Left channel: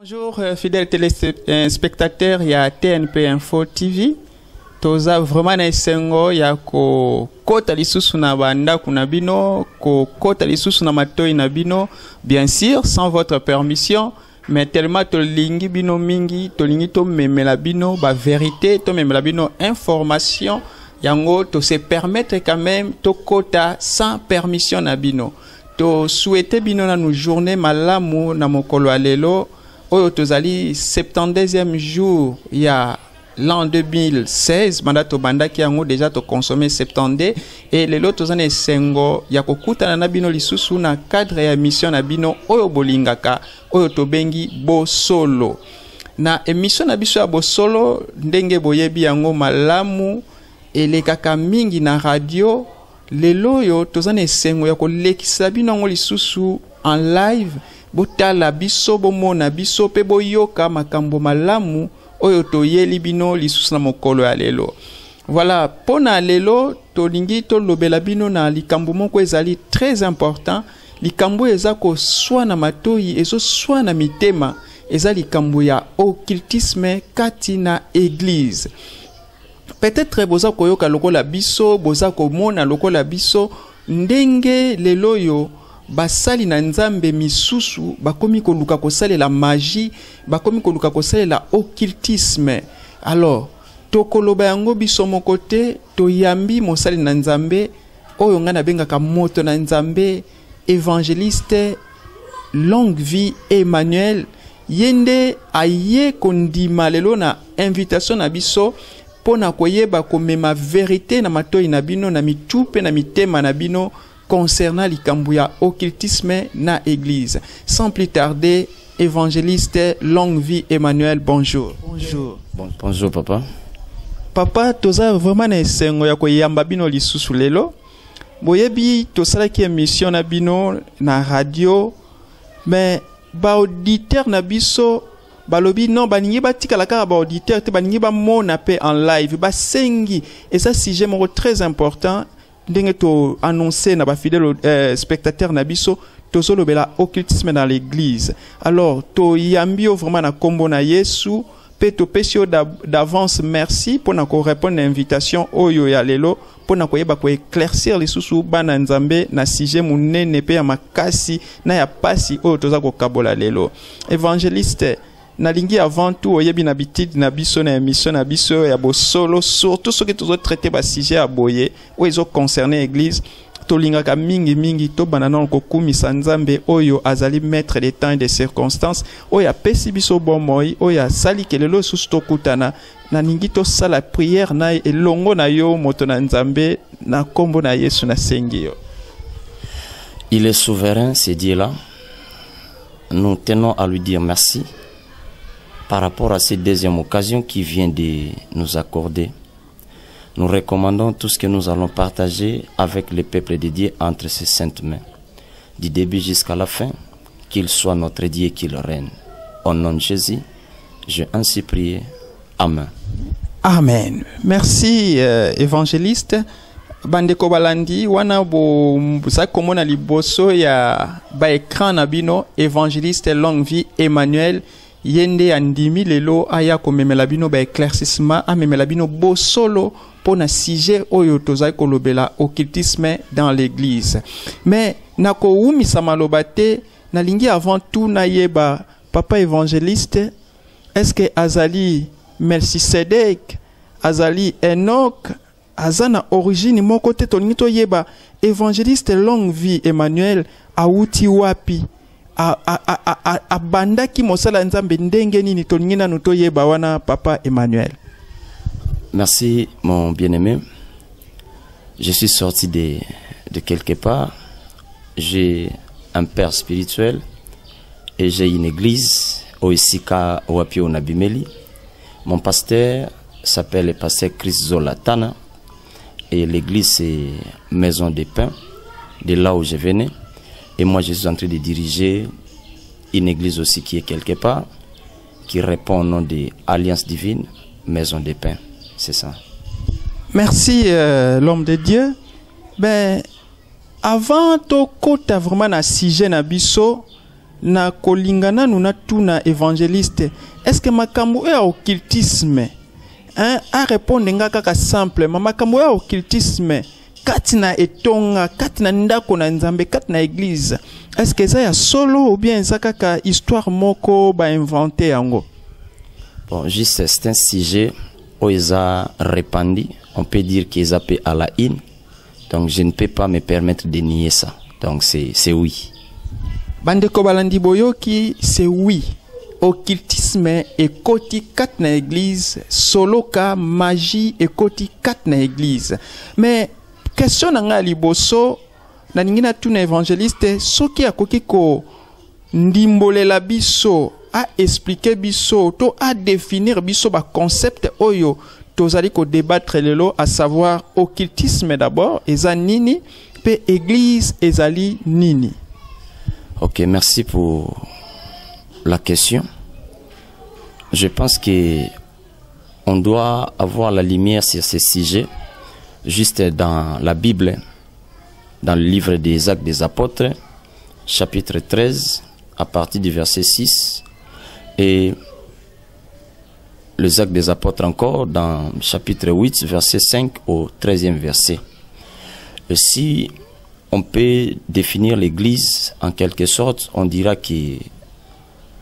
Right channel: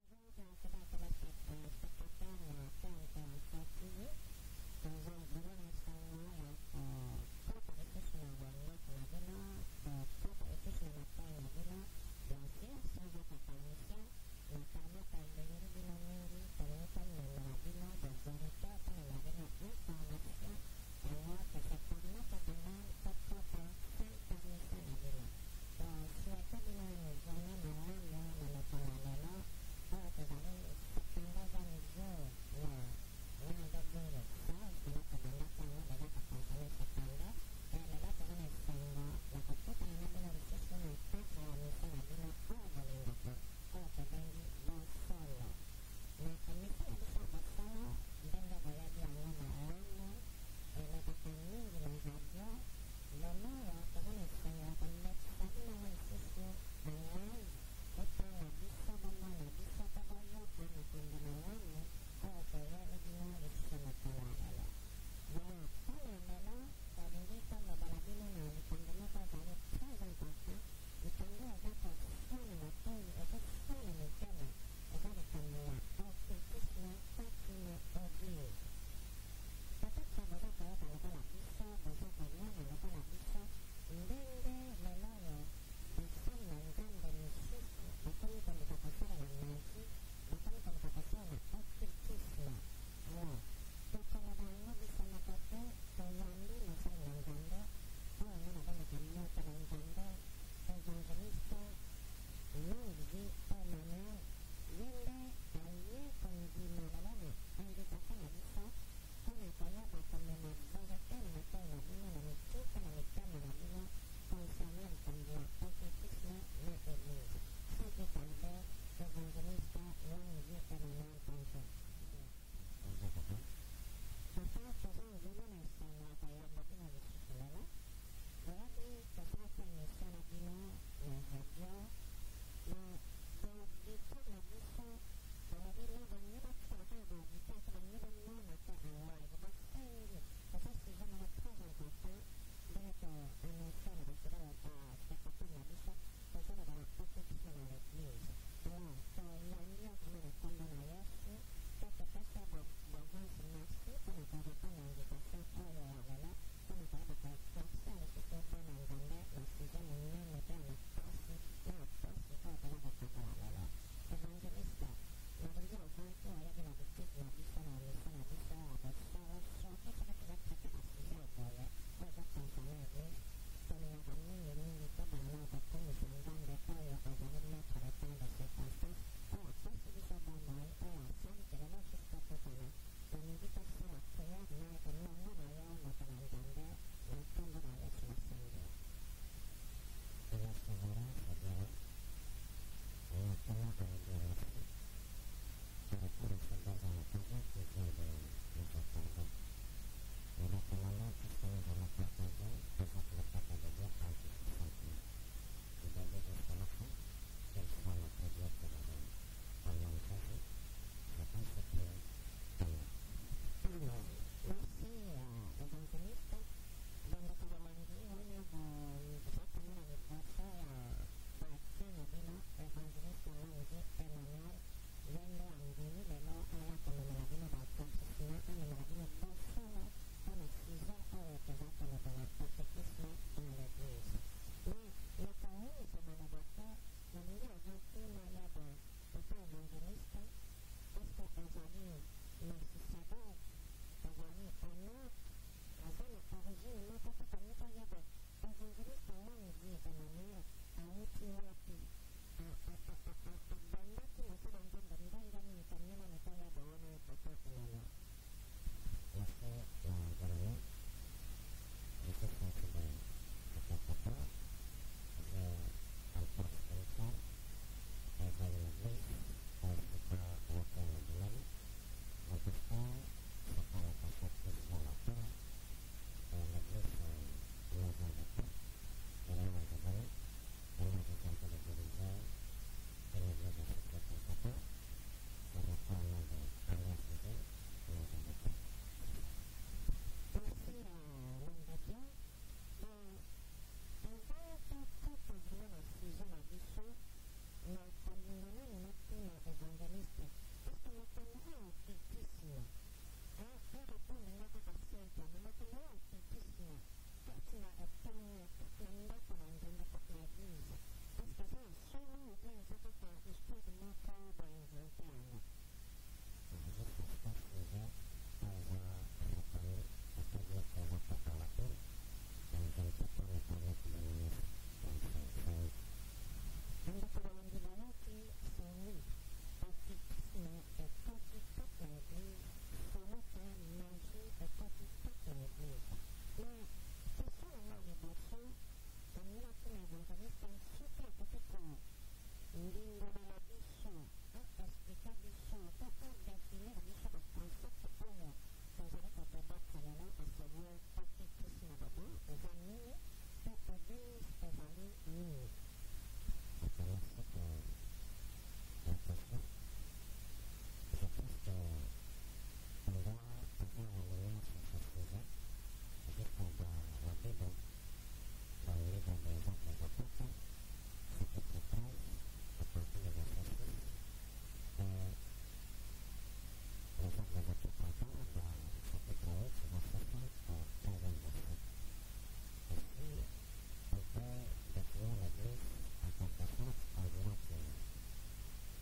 Bonjour fidèles téléspectateurs, il y a TNP Info TV. Toza vraiment na esengo ya ko kota lisusu na banda kuna bino, ko kota lisusu na matoi na bino, bien sûr sans votre permission, mais tellement to lingi bino mingi, to lingi to memela bino ba vérité, to memela bino information, yango to se permettre quand même to kota sans permission na bino. To souhaiter bino na nou journée malamu na mokolo alelo. Oyo tozali 72e jour il y a l'an 2016 mandato bandaki yango déjà to consommer 70 et lelo tozana esengo ya kokutana na bino lisusu na cadre ya mission na bino oyo bolingaka oyo tobengi bosolo na émission na biso ya bosolo ndenge boyebi yango malamu elekaka mingi na radio lelo yo tozana esengo ya kolekisa bino yango lisusu en live botala biso bomona biso pe boyoka makambo malamu oyo toyeli bino lisusu na mokolo ya lelo. Voilà, pona lelo tolingi tolobela bino na likambo moko ezali très important, likambo eza ko swa na matoi ezo swa na mitema, eza likambo ya occultisme kati na église. Peut-être boza koyoka lokola biso, boza komona lokola biso ndenge lelo yo basali na nzambe misusu bakomi koluka kosale la magie, bakomi koluka kosale la occultisme. Alors tokoloba yango biso moko te, toyambi mosali na nzambe oyo nga na bengaka moto na nzambe évangéliste longue vie Emmanuel yende aye kondima lelo na invitation na biso pona koyeba komema vérité na matoi na bino na mitupe na mitema na bino concernant likambo ya occultisme na église. Sans plus tarder, évangéliste longue vie Emmanuel, bonjour. Bonjour. Bonjour papa. Papa, toza vraiment na esengo ya koyamba bino lisusu lelo. Boyebi tosalaki émission na bino na radio, mais ba auditeur na biso balobi non baningi batikala kaka ba auditeur te baningi ba mona pe en live ba sengi et ça sujet moko très important. Ndenge to annoncer na ba fidèle spectateur na biso to solo bela occultisme dans l'église. Alors to yambio vraiment na kombo na Yesu pe to pesio d'avance merci pour na ko répondre à l'invitation oyo ya lelo pour na ko yeba ko éclaircir les susu bana nzambe na sujet munene pe ya makasi na ya pasi oyo toza ko kabola lelo. Évangéliste nalingi avant tout oyebi na bitidi na biso na émission na biso ya bosolo surtout ce que tous autres traiter ba sujet à boyer ou ils ont concerné église tolingaka mingi to banana ko kumisa nzambe oyo azali maître des temps et des circonstances oyo apesi biso bomoi oyo sali kelelo susu to kutana na ningi to sala prière na elongo na yo moto na nzambe na kombo na Yesu na sengi yo. Il est souverain, ce Dieu-là. Nous tenons à lui dire merci par rapport à cette deuxième occasion qui vient de nous accorder. Nous recommandons tout ce que nous allons partager avec le peuple de Dieu entre ses saintes mains. Du début jusqu'à la fin, qu'il soit notre Dieu et qu'il règne. Au nom de Jésus, j'ai ainsi prié. Amen. Amen. Merci évangéliste. Bandeko balandi wana bo sa komona liboso ya ba écran na bino évangéliste longue vie Emmanuel yende andimi lelo aya komemela bino ba éclaircissement amemela bino bosolo pona sujet oyo tozai kolobela occultisme dans l'église. Mais nako umisa maloba te nalingi avant tout na yeba papa évangéliste est-ce que azali Melchisedek azali Enoch azana origine moko te tolingi to yeba évangéliste longue vie Emmanuel auti wapi a bandaki mosala nzambe ndenge nini tolingi nanu to yeba wana papa Emmanuel. Merci mon bien-aimé. Je suis sorti de quelque part. J'ai un père spirituel et j'ai une église au Isika Wapio Nabimeli. Mon pasteur s'appelle le pasteur Chris Zolatana et l'église c'est Maison des Pains, de là où je venais. Et moi je suis en train de diriger une église aussi qui est quelque part, qui répond au nom de Alliance Divine, Maison des Pains. C'est ça. Merci l'homme de Dieu. Ben, avant to kota vraiment na sujet na biso, na kolingana nuna tuna évangéliste est-ce que makambo ya occultisme a répondre nga kaka simple makambo ya occultisme katina etonga katina ndako na nzambe katina église est-ce que ça ya solo ou bien ça kaka histoire moko ba inventé yango? Bon, juste c'est un sujet où ils ont répandu, on peut dire qu'ils appellent à la haine, donc je ne peux pas me permettre de nier ça, donc c'est oui. Bandeko balandi boyoki, c'est oui. Occultisme et koti kat na église, solo ka magie et koti kat na église. Mais question nanga liboso na ningina tuna évangéliste soki akoki ko ndimbolela biso a expliquer biso to a définir biso ba concept oyo tozali ko débattre lelo, à savoir occultisme d'abord eza nini pe église ezali nini. Ok, merci pour la question. Je pense que on doit avoir la lumière sur ce sujet juste dans la Bible, dans le livre des Actes des Apôtres, chapitre 13, à partir du verset 6, et les Actes des Apôtres encore, dans chapitre 8, verset 5 au 13e verset. Et si on peut définir l'Église en quelque sorte, on dira que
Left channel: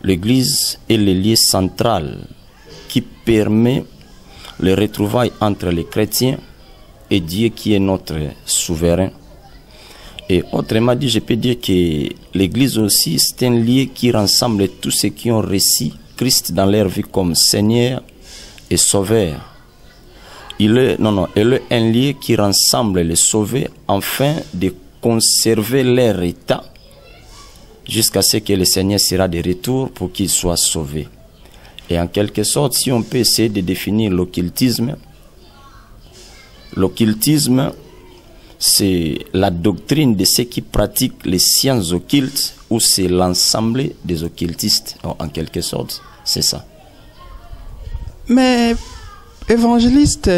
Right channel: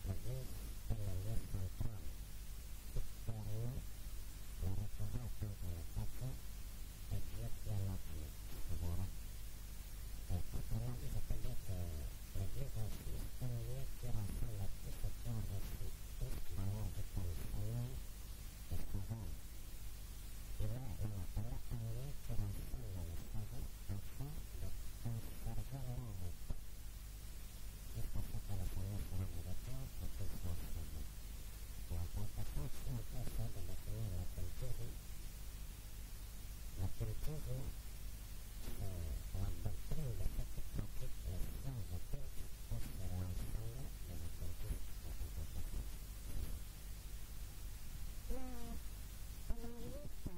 l'Église est le lieu central qui permet le retrouvailles entre les chrétiens et Dieu qui est notre souverain. Et autrement dit, je peux dire que l'Église aussi, c'est un lieu qui rassemble tous ceux qui ont reçu Christ dans leur vie comme Seigneur et Sauveur. Il est un lieu qui rassemble les sauvés afin de conserver leur état jusqu'à ce que le Seigneur sera de retour pour qu'ils soient sauvés. Et en quelque sorte, si on peut essayer de définir l'occultisme, c'est la doctrine de ceux qui pratiquent les sciences occultes ou c'est l'ensemble des occultistes. En quelque sorte, c'est ça. Mais, évangéliste,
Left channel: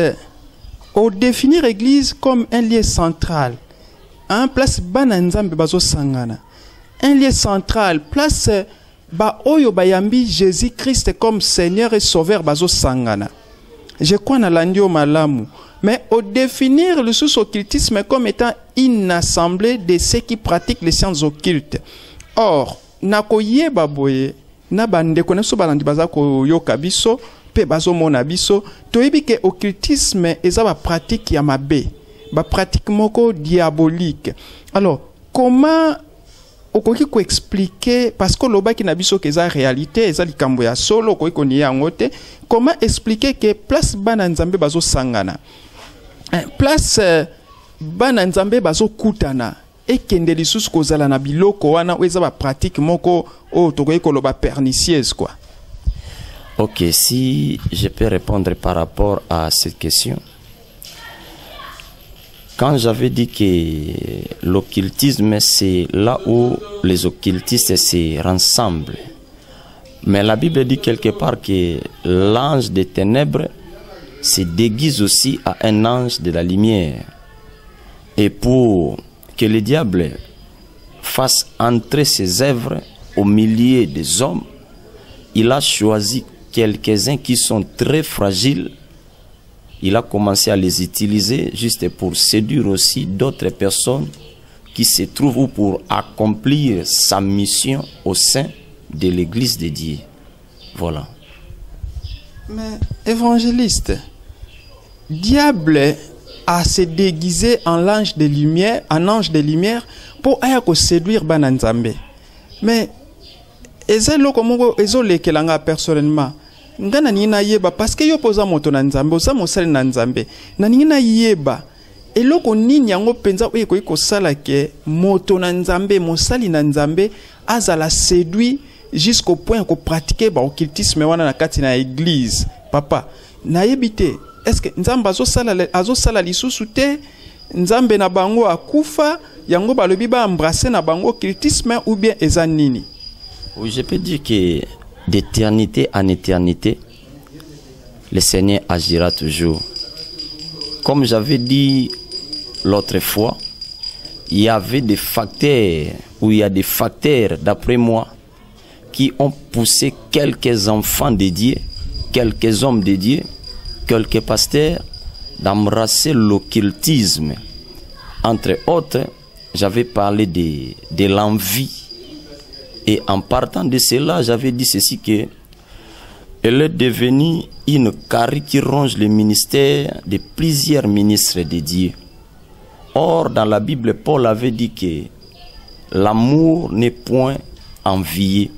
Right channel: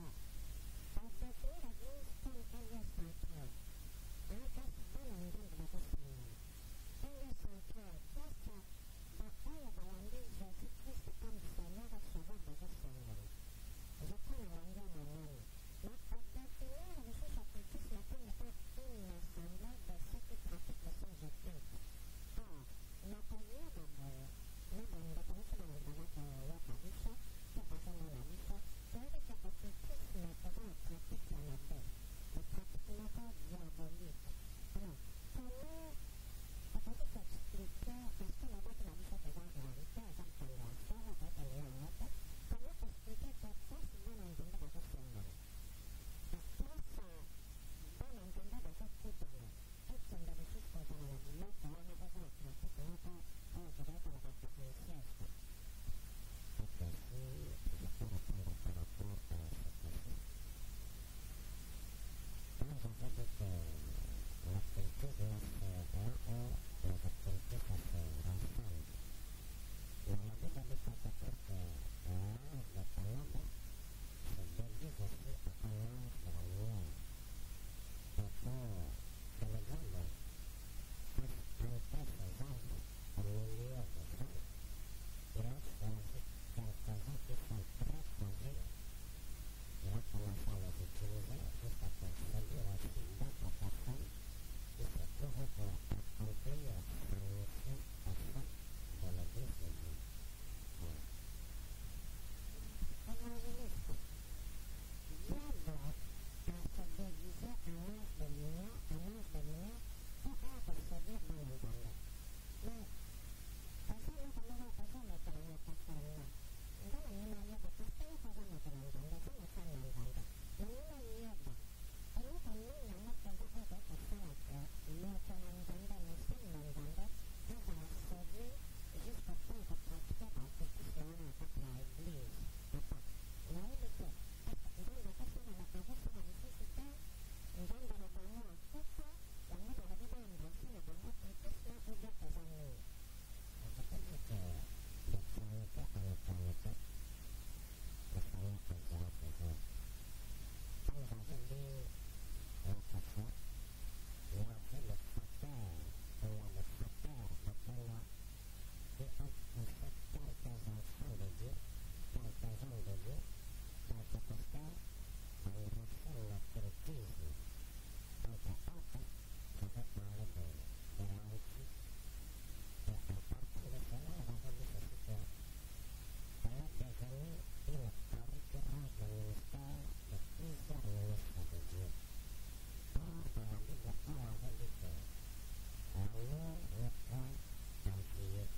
au définir l'Église comme un lieu central, un place bananzambe bazo sangana, un lieu central, place ba oyo bayambi Jésus-Christ comme Seigneur et Sauveur bazo sangana. Je crois na landio malamu. Mais au définir le sous-occultisme comme étant une assemblée de ceux qui pratiquent les sciences occultes. Or, nakoye baboye, na bande koneso balandi bazako yoka biso, pe bazo mona biso, toyebi ke occultisme eza ba pratique ya mabe, ba pratique moko diabolique. Alors, comment okoki ko expliquer, parce que loba ki na biso ke eza réalité, eza likambo ya solo, okoki ko niya ngote, comment expliquer que place bana nzambe bazo sangana, place bana nzambe bazo kutana, et kende lisusu kozala na biloko wana ou eza ba pratique moko o tokoki ko loba pernicieuse quoi. Ok, si je peux répondre par rapport à cette question. Quand j'avais dit que l'occultisme, c'est là où les occultistes se rassemblent. Mais la Bible dit quelque part que l'ange des ténèbres se déguise aussi à un ange de la lumière. Et pour que le diable fasse entrer ses œuvres au milieu des hommes, il a choisi quelques-uns qui sont très fragiles. Il a commencé à les utiliser juste pour séduire aussi d'autres personnes qui se trouvent ou pour accomplir sa mission au sein de l'Église de Dieu. Voilà. Mais évangéliste, diable a se déguisé en l'ange de lumière, en ange de lumière pour ayako séduire bananzambe. Mais ezelo komongo ezole kelanga personnellement. Ngana nina yeba parce que yo poza moto na nzambe oza mosali na nzambe na nina yeba eloko nini yango penza oye ko sala ke moto na nzambe mosali na nzambe azala séduit jusqu'au point ko pratiquer ba occultisme wana na kati na église. Papa na yebite est-ce que nzambe azo sala lisusu te nzambe na bango akufa yango balobi ba embrasser na bango occultisme ou bien eza nini? Oui, je peux dire que d'éternité en éternité, le Seigneur agira toujours. Comme j'avais dit l'autre fois, il y avait des facteurs, ou il y a des facteurs, d'après moi, qui ont poussé quelques enfants dédiés, quelques hommes dédiés, quelques pasteurs d'embrasser l'occultisme. Entre autres, j'avais parlé de l'envie. Et en partant de cela, j'avais dit ceci que elle est devenue une carie qui ronge le ministère de plusieurs ministres dédiés. Or, dans la Bible, Paul avait dit que l'amour n'est point envié.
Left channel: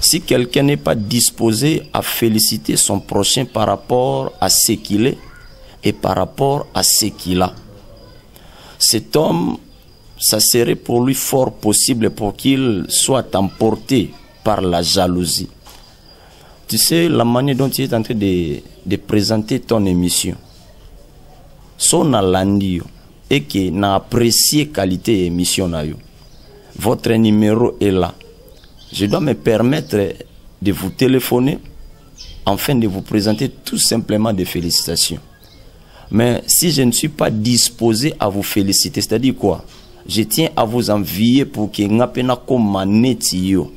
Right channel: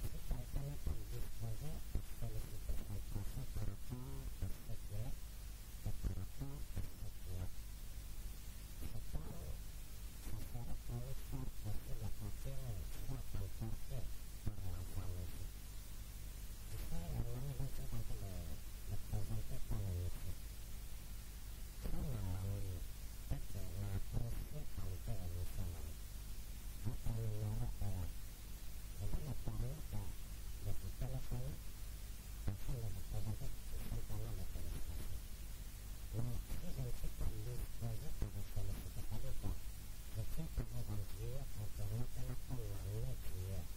Si quelqu'un n'est pas disposé à féliciter son prochain par rapport à ce qu'il est et par rapport à ce qu'il a, cet homme, ça serait pour lui fort possible pour qu'il soit emporté par la jalousie. Tu sais, la manière dont tu es en train de présenter ton émission, son alandio, et que n'a apprécié qualité émission na yo. Votre numéro est là. Je dois me permettre de vous téléphoner afin de vous présenter tout simplement des félicitations. Mais si je ne suis pas disposé à vous féliciter, c'est-à-dire quoi? Je tiens à vous envier pour que ngapena komanetio.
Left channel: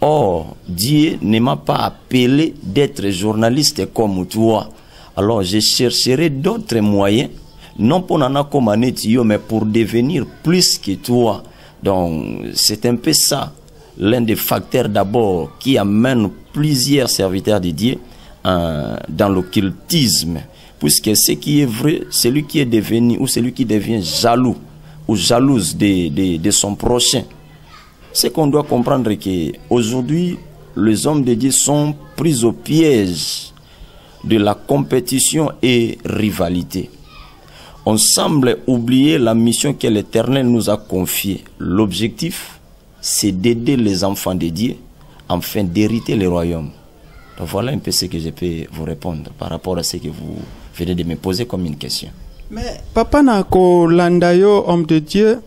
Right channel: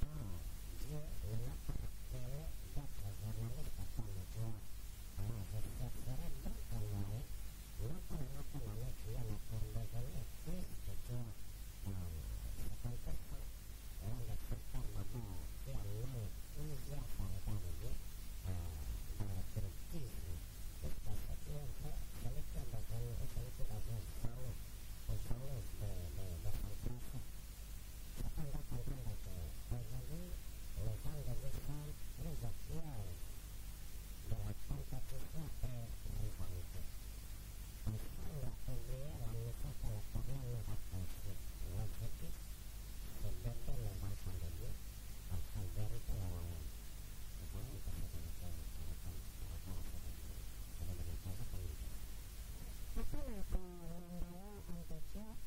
Or, Dieu ne m'a pas appelé d'être journaliste comme toi. Alors, je chercherai d'autres moyens, non pour nana komanetio, mais pour devenir plus que toi. Donc, c'est un peu ça, l'un des facteurs d'abord qui amène plusieurs serviteurs de Dieu dans l'occultisme. Puisque ce qui est vrai, celui qui est devenu ou celui qui devient jaloux ou jalouse de son prochain, c'est qu'on doit comprendre qu'aujourd'hui, les hommes de Dieu sont pris au piège de la compétition et rivalité. On semble oublier la mission que l'Éternel nous a confiée. L'objectif, c'est d'aider les enfants de Dieu afin d'hériter le royaume. Donc voilà un peu ce que je peux vous répondre par rapport à ce que vous venez de me poser comme une question. Mais Papa Nako Landayo, homme de Dieu,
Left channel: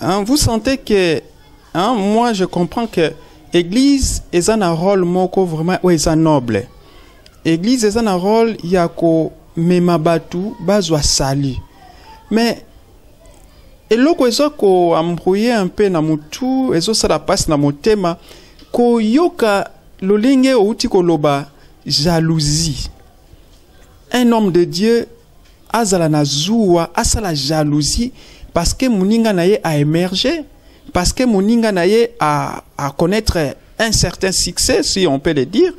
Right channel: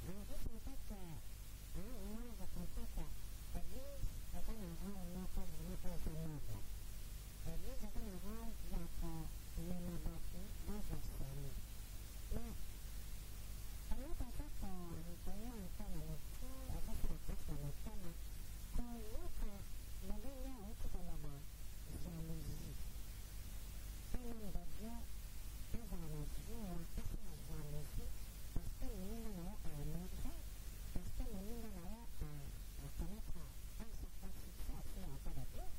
hein, vous sentez que, hein, moi je comprends que l'Église est un rôle moko vraiment noble. L'Église est un rôle yako memabatu bazwa sali. Mais eloko ezoko ambrouiller un peu na mutu, ezo sala passe na motema ko yoka lolenge outi koloba jalousie. Un homme de Dieu azala na zuwa asala jalousie parce que moninga naye a émergé, parce que moninga naye a connaître un certain succès, si on peut le dire.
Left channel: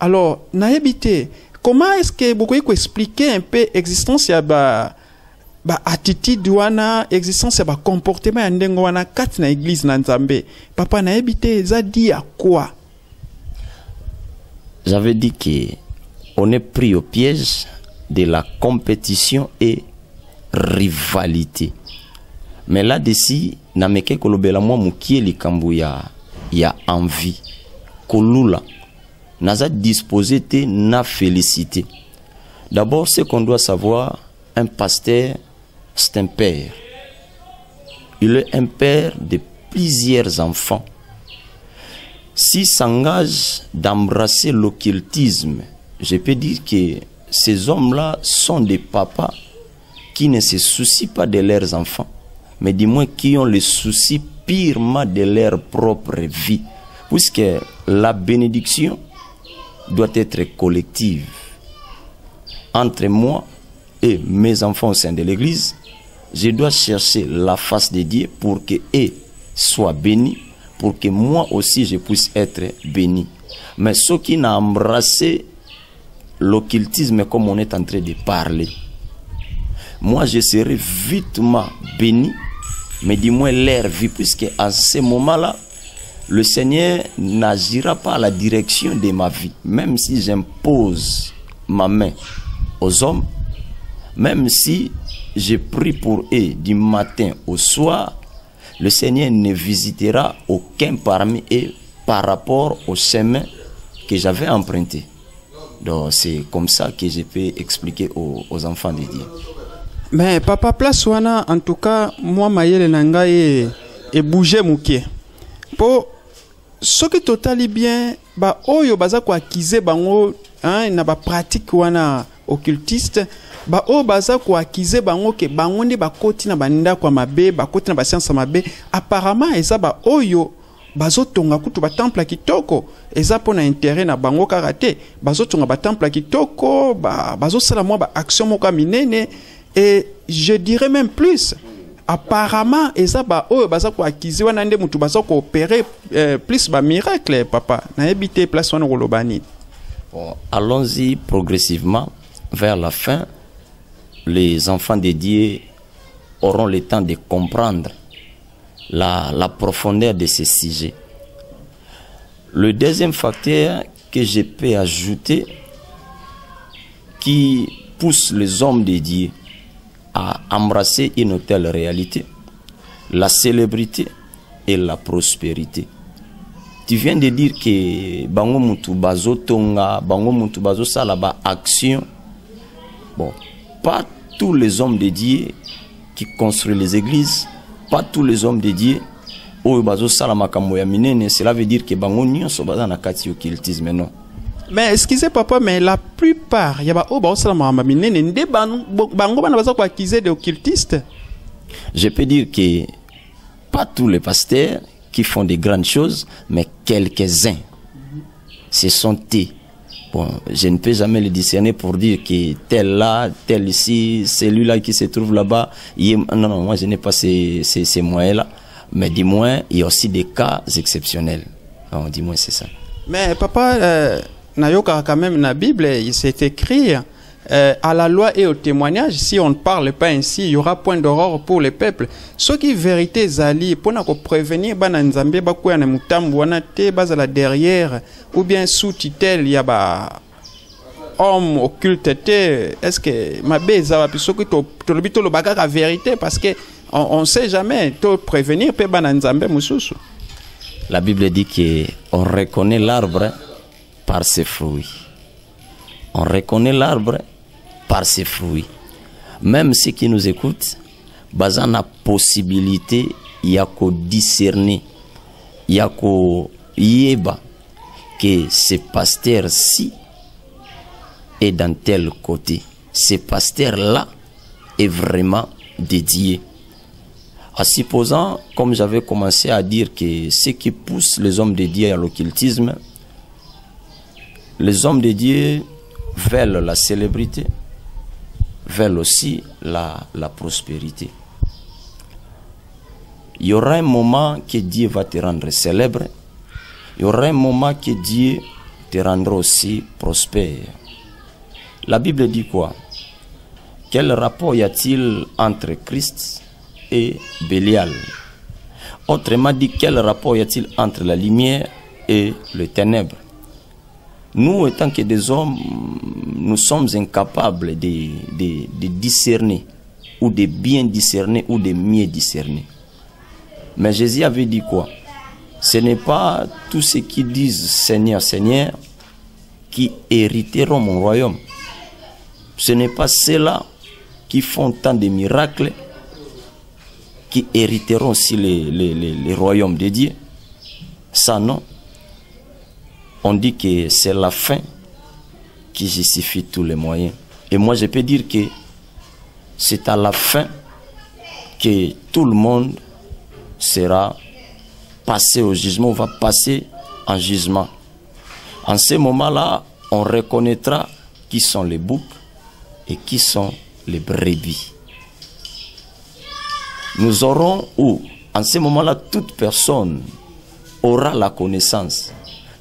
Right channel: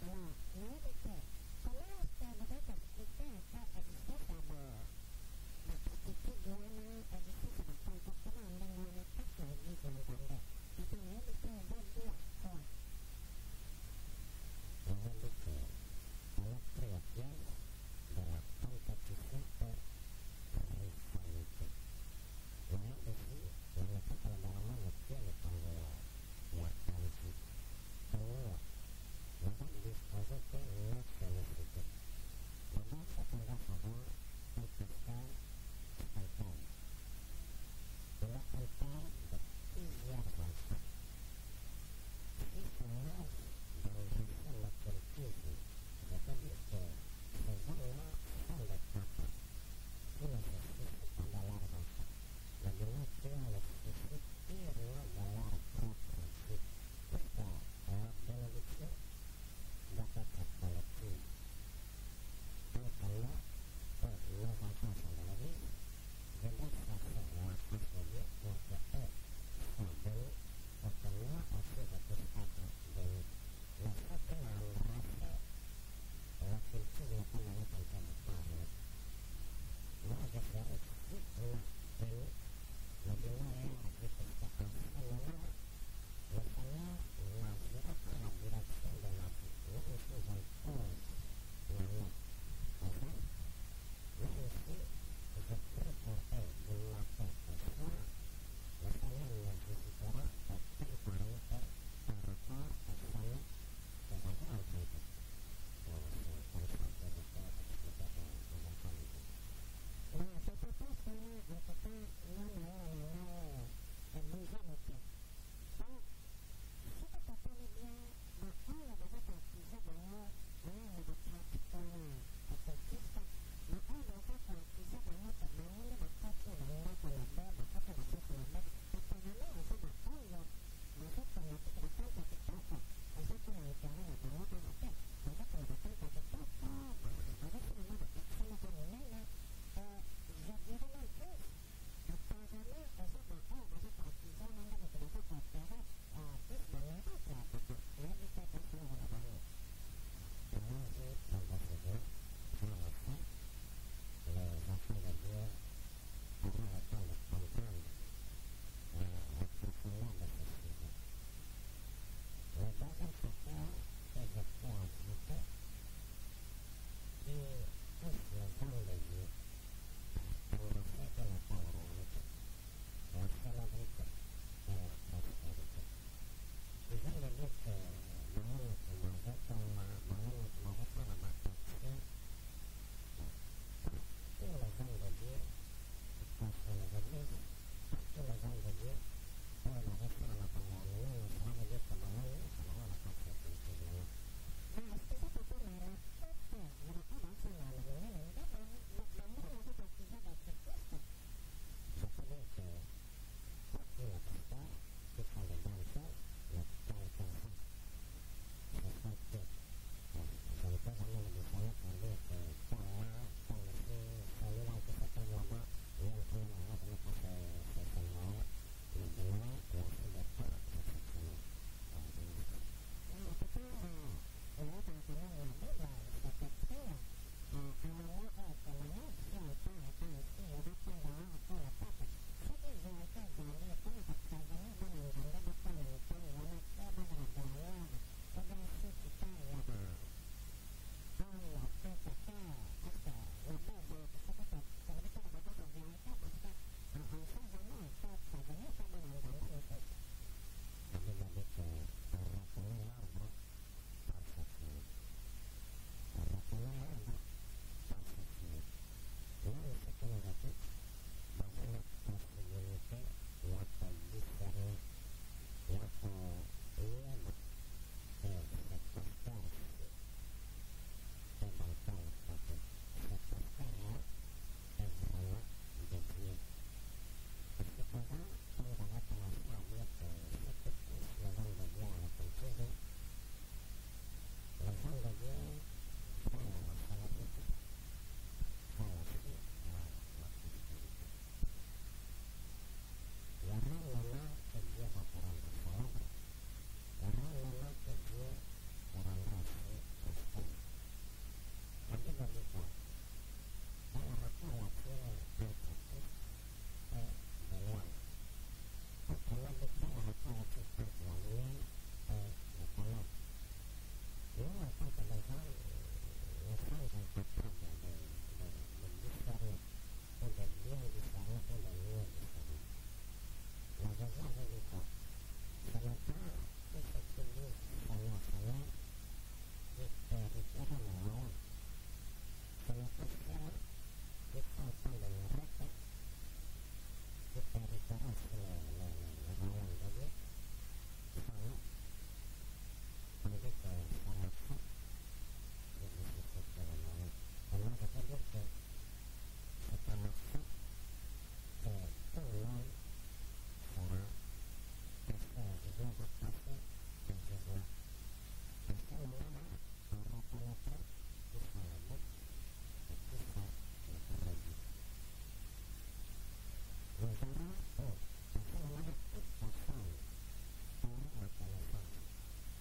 Alors, naebite, comment est-ce que vous pouvez expliquer un peu l'existence ya ba attitude wana, existence ya ba comportement ya ndengo wana kati na église na Nzambe? Papa naebite za dit à quoi? J'avais dit qu'on est pris au piège de la compétition et rivalité. Mais là-dessus, nameke kolobela moi mukie likambu ya envie. Kolula. Naza disposé te na félicité. D'abord, ce qu'on doit savoir, un pasteur, c'est un père. Il est un père de plusieurs enfants. S'il s'engage d'embrasser l'occultisme, je peux dire que ces hommes-là sont des papas qui ne se soucient pas de leurs enfants, mais du moins qui ont le souci purement de leur propre vie. Puisque la bénédiction doit être collective. Entre moi et mes enfants au sein de l'église, je dois chercher la face de Dieu pour qu'eux soient bénis, pour que moi aussi je puisse être béni. Mais ceux qui n'ont embrassé l'occultisme comme on est en train de parler, moi je serai vitement béni, mais du moins leur vie, puisque à ce moment-là, le Seigneur n'agira pas à la direction de ma vie. Même si j'impose ma main aux hommes, même si je prie pour eux du matin au soir, le Seigneur ne visitera aucun parmi eux par rapport au chemin que j'avais emprunté. Donc c'est comme ça que je peux expliquer aux enfants de Dieu. Mais Papa Place wana, en tout cas, moi mayele nanga et bouger mouké. Pour ce qui totali bien, ba oyo baza ko accuser bango, hein, na ba pratique wana occultiste, ba o baza ko accuser bango ke bango ne ba koti na banda kwa mabe, ba koti na ba science mabe, apparemment eza ba oyo bazotonga kutu batemple ya kitoko eza mpo na intérêt na bango kaka te bazotonga batemple ya kitoko bazosala mwa baaction moko ya minene. Et je dirais même plus, apparemment eza oyo baza koakize wana nde mutu baza koopérer plus miracle papa nayebi te place wana koloba nini. Bon, allons-y progressivement vers la fin. Les enfants dédiés auront le temps de comprendre la profondeur de ce sujet. Le deuxième facteur que je peux ajouter qui pousse les hommes dédiés à embrasser une telle réalité, la célébrité et la prospérité. Tu viens de dire que bango mutu bazo tonga, bango mutu bazo sala ba action. Bon, pas tous les hommes dédiés qui construisent les églises, pas tous les hommes dédiés au bazo sala makambo ya minene, cela veut dire que bango nyonso baza na kati occultisme, non. Mais excusez papa, mais la plupart y a ba o bazo sala makambo minene nde bango bana baza ko accuser de occultistes. Je peux dire que pas tous les pasteurs qui font des grandes choses, mais quelques-uns. Ce sont eux. Bon, je ne peux jamais le discerner pour dire que tel là, tel ici, celui-là qui se trouve là-bas. Non, non, moi je n'ai pas ces moyens-là. Mais du moins, il y a aussi des cas exceptionnels. Non, du moins, c'est ça. Mais papa, nayoka quand même dans la Bible, il s'est écrit à la loi et au témoignage, si on ne parle pas ainsi, il y aura point d'aurore pour le peuple. Ce qui est vérité, Zali, pour nous prévenir, Bananzambe, Bakuya Mutambu, Wanate, Bazala derrière, ou bien sous titel, il y a homme occulte, est-ce que ma beza, puis ce qui est le bagage la vérité, parce que on ne sait jamais, te prévenir, peut Bananzambe, Moussousou. La Bible dit qu'on reconnaît l'arbre par ses fruits. On reconnaît l'arbre par ses fruits. Même ceux qui nous écoutent, basant la possibilité, il y a qu'à discerner, il y a qu'à yeba que ce pasteur-ci est dans tel côté. Ce pasteur-là est vraiment dédié. En supposant, comme j'avais commencé à dire, que ce qui pousse les hommes dédiés à l'occultisme, les hommes dédiés veulent la célébrité, veulent aussi la prospérité. Il y aura un moment que Dieu va te rendre célèbre, il y aura un moment que Dieu te rendra aussi prospère. La Bible dit quoi? Quel rapport y a-t-il entre Christ et Bélial? Autrement dit, quel rapport y a-t-il entre la lumière et les ténèbres? Nous, étant que des hommes, nous sommes incapables de discerner, ou de bien discerner, ou de mieux discerner. Mais Jésus avait dit quoi? Ce n'est pas tous ceux qui disent Seigneur, Seigneur, qui hériteront mon royaume. Ce n'est pas ceux-là qui font tant de miracles qui hériteront aussi les royaumes de Dieu. Ça, non. On dit que c'est la fin qui justifie tous les moyens. Et moi, je peux dire que c'est à la fin que tout le monde sera passé au jugement, va passer en jugement. En ce moment-là, on reconnaîtra qui sont les boucs et qui sont les brebis. Nous aurons où, en ce moment-là, toute personne aura la connaissance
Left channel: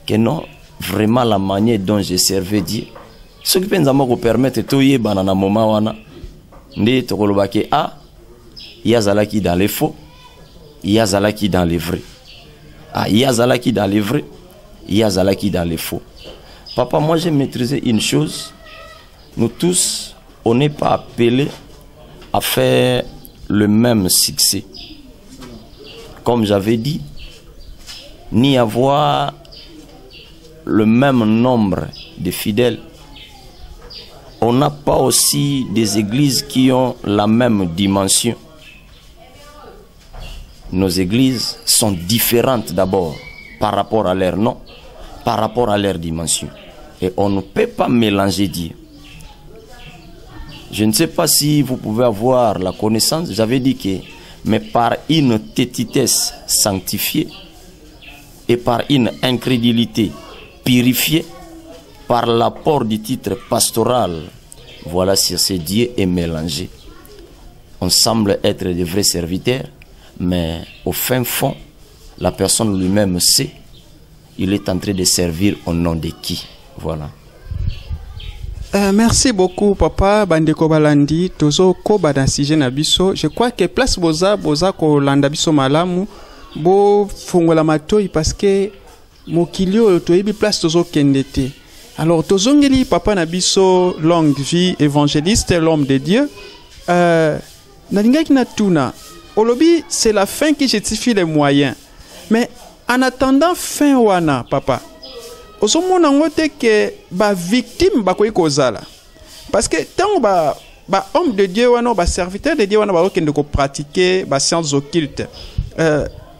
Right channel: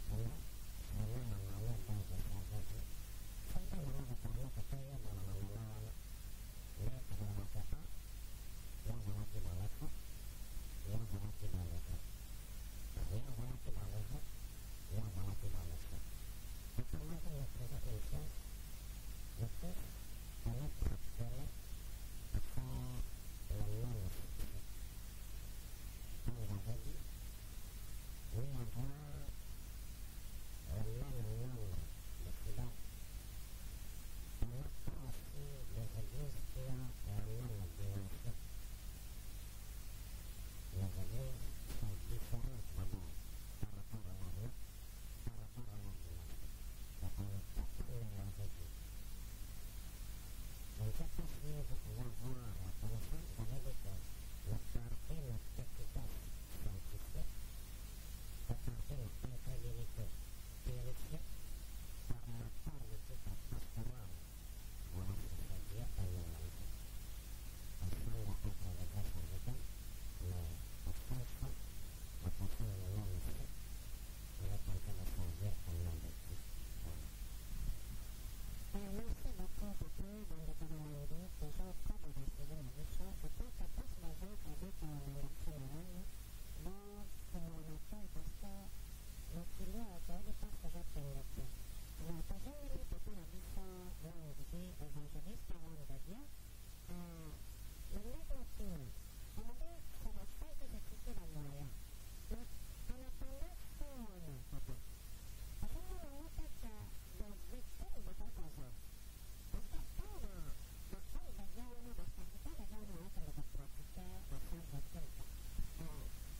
que non, vraiment la manière dont j'ai servi Dieu. Ce qui peut nous permettre de tout dans un moment où il y a Zalaki dans les faux, il y a Zalaki dans les vrais. Il y a Zalaki dans les vrais, il y a Zalaki dans les faux. Papa, moi j'ai maîtrisé une chose. Nous tous, on n'est pas appelés à faire le même succès. Comme j'avais dit, ni avoir le même nombre de fidèles. On n'a pas aussi des églises qui ont la même dimension. Nos églises sont différentes d'abord par rapport à leur nom, par rapport à leur dimension. Et on ne peut pas mélanger Dieu. Je ne sais pas si vous pouvez avoir la connaissance. J'avais dit que, mais par une tétitesse sanctifiée, et par une incrédulité purifiée par l'apport du titre pastoral, voilà sur ces dieux est mélangé. On semble être de vrais serviteurs, mais au fin fond, la personne lui-même sait, il est en train de servir au nom de qui. Voilà. Merci beaucoup, papa. Bandeko Balandi, tozo koba dans sujet na biso. Je crois que place boza ko landa biso malamu, bo fongola matoi parce que mokilio toyebi place tozo kendete. Alors tozongeli papa na biso longue vie évangéliste, l'homme de Dieu. Nalingaki na tuna. Olobi, c'est la fin qui justifie les moyens. Mais en attendant fin wana, papa, osomona ngote que ba victime ba koyi kozala. Parce que tant ba homme de Dieu wana, ba serviteur de Dieu wana ba okende ko pratiquer ba sciences occultes.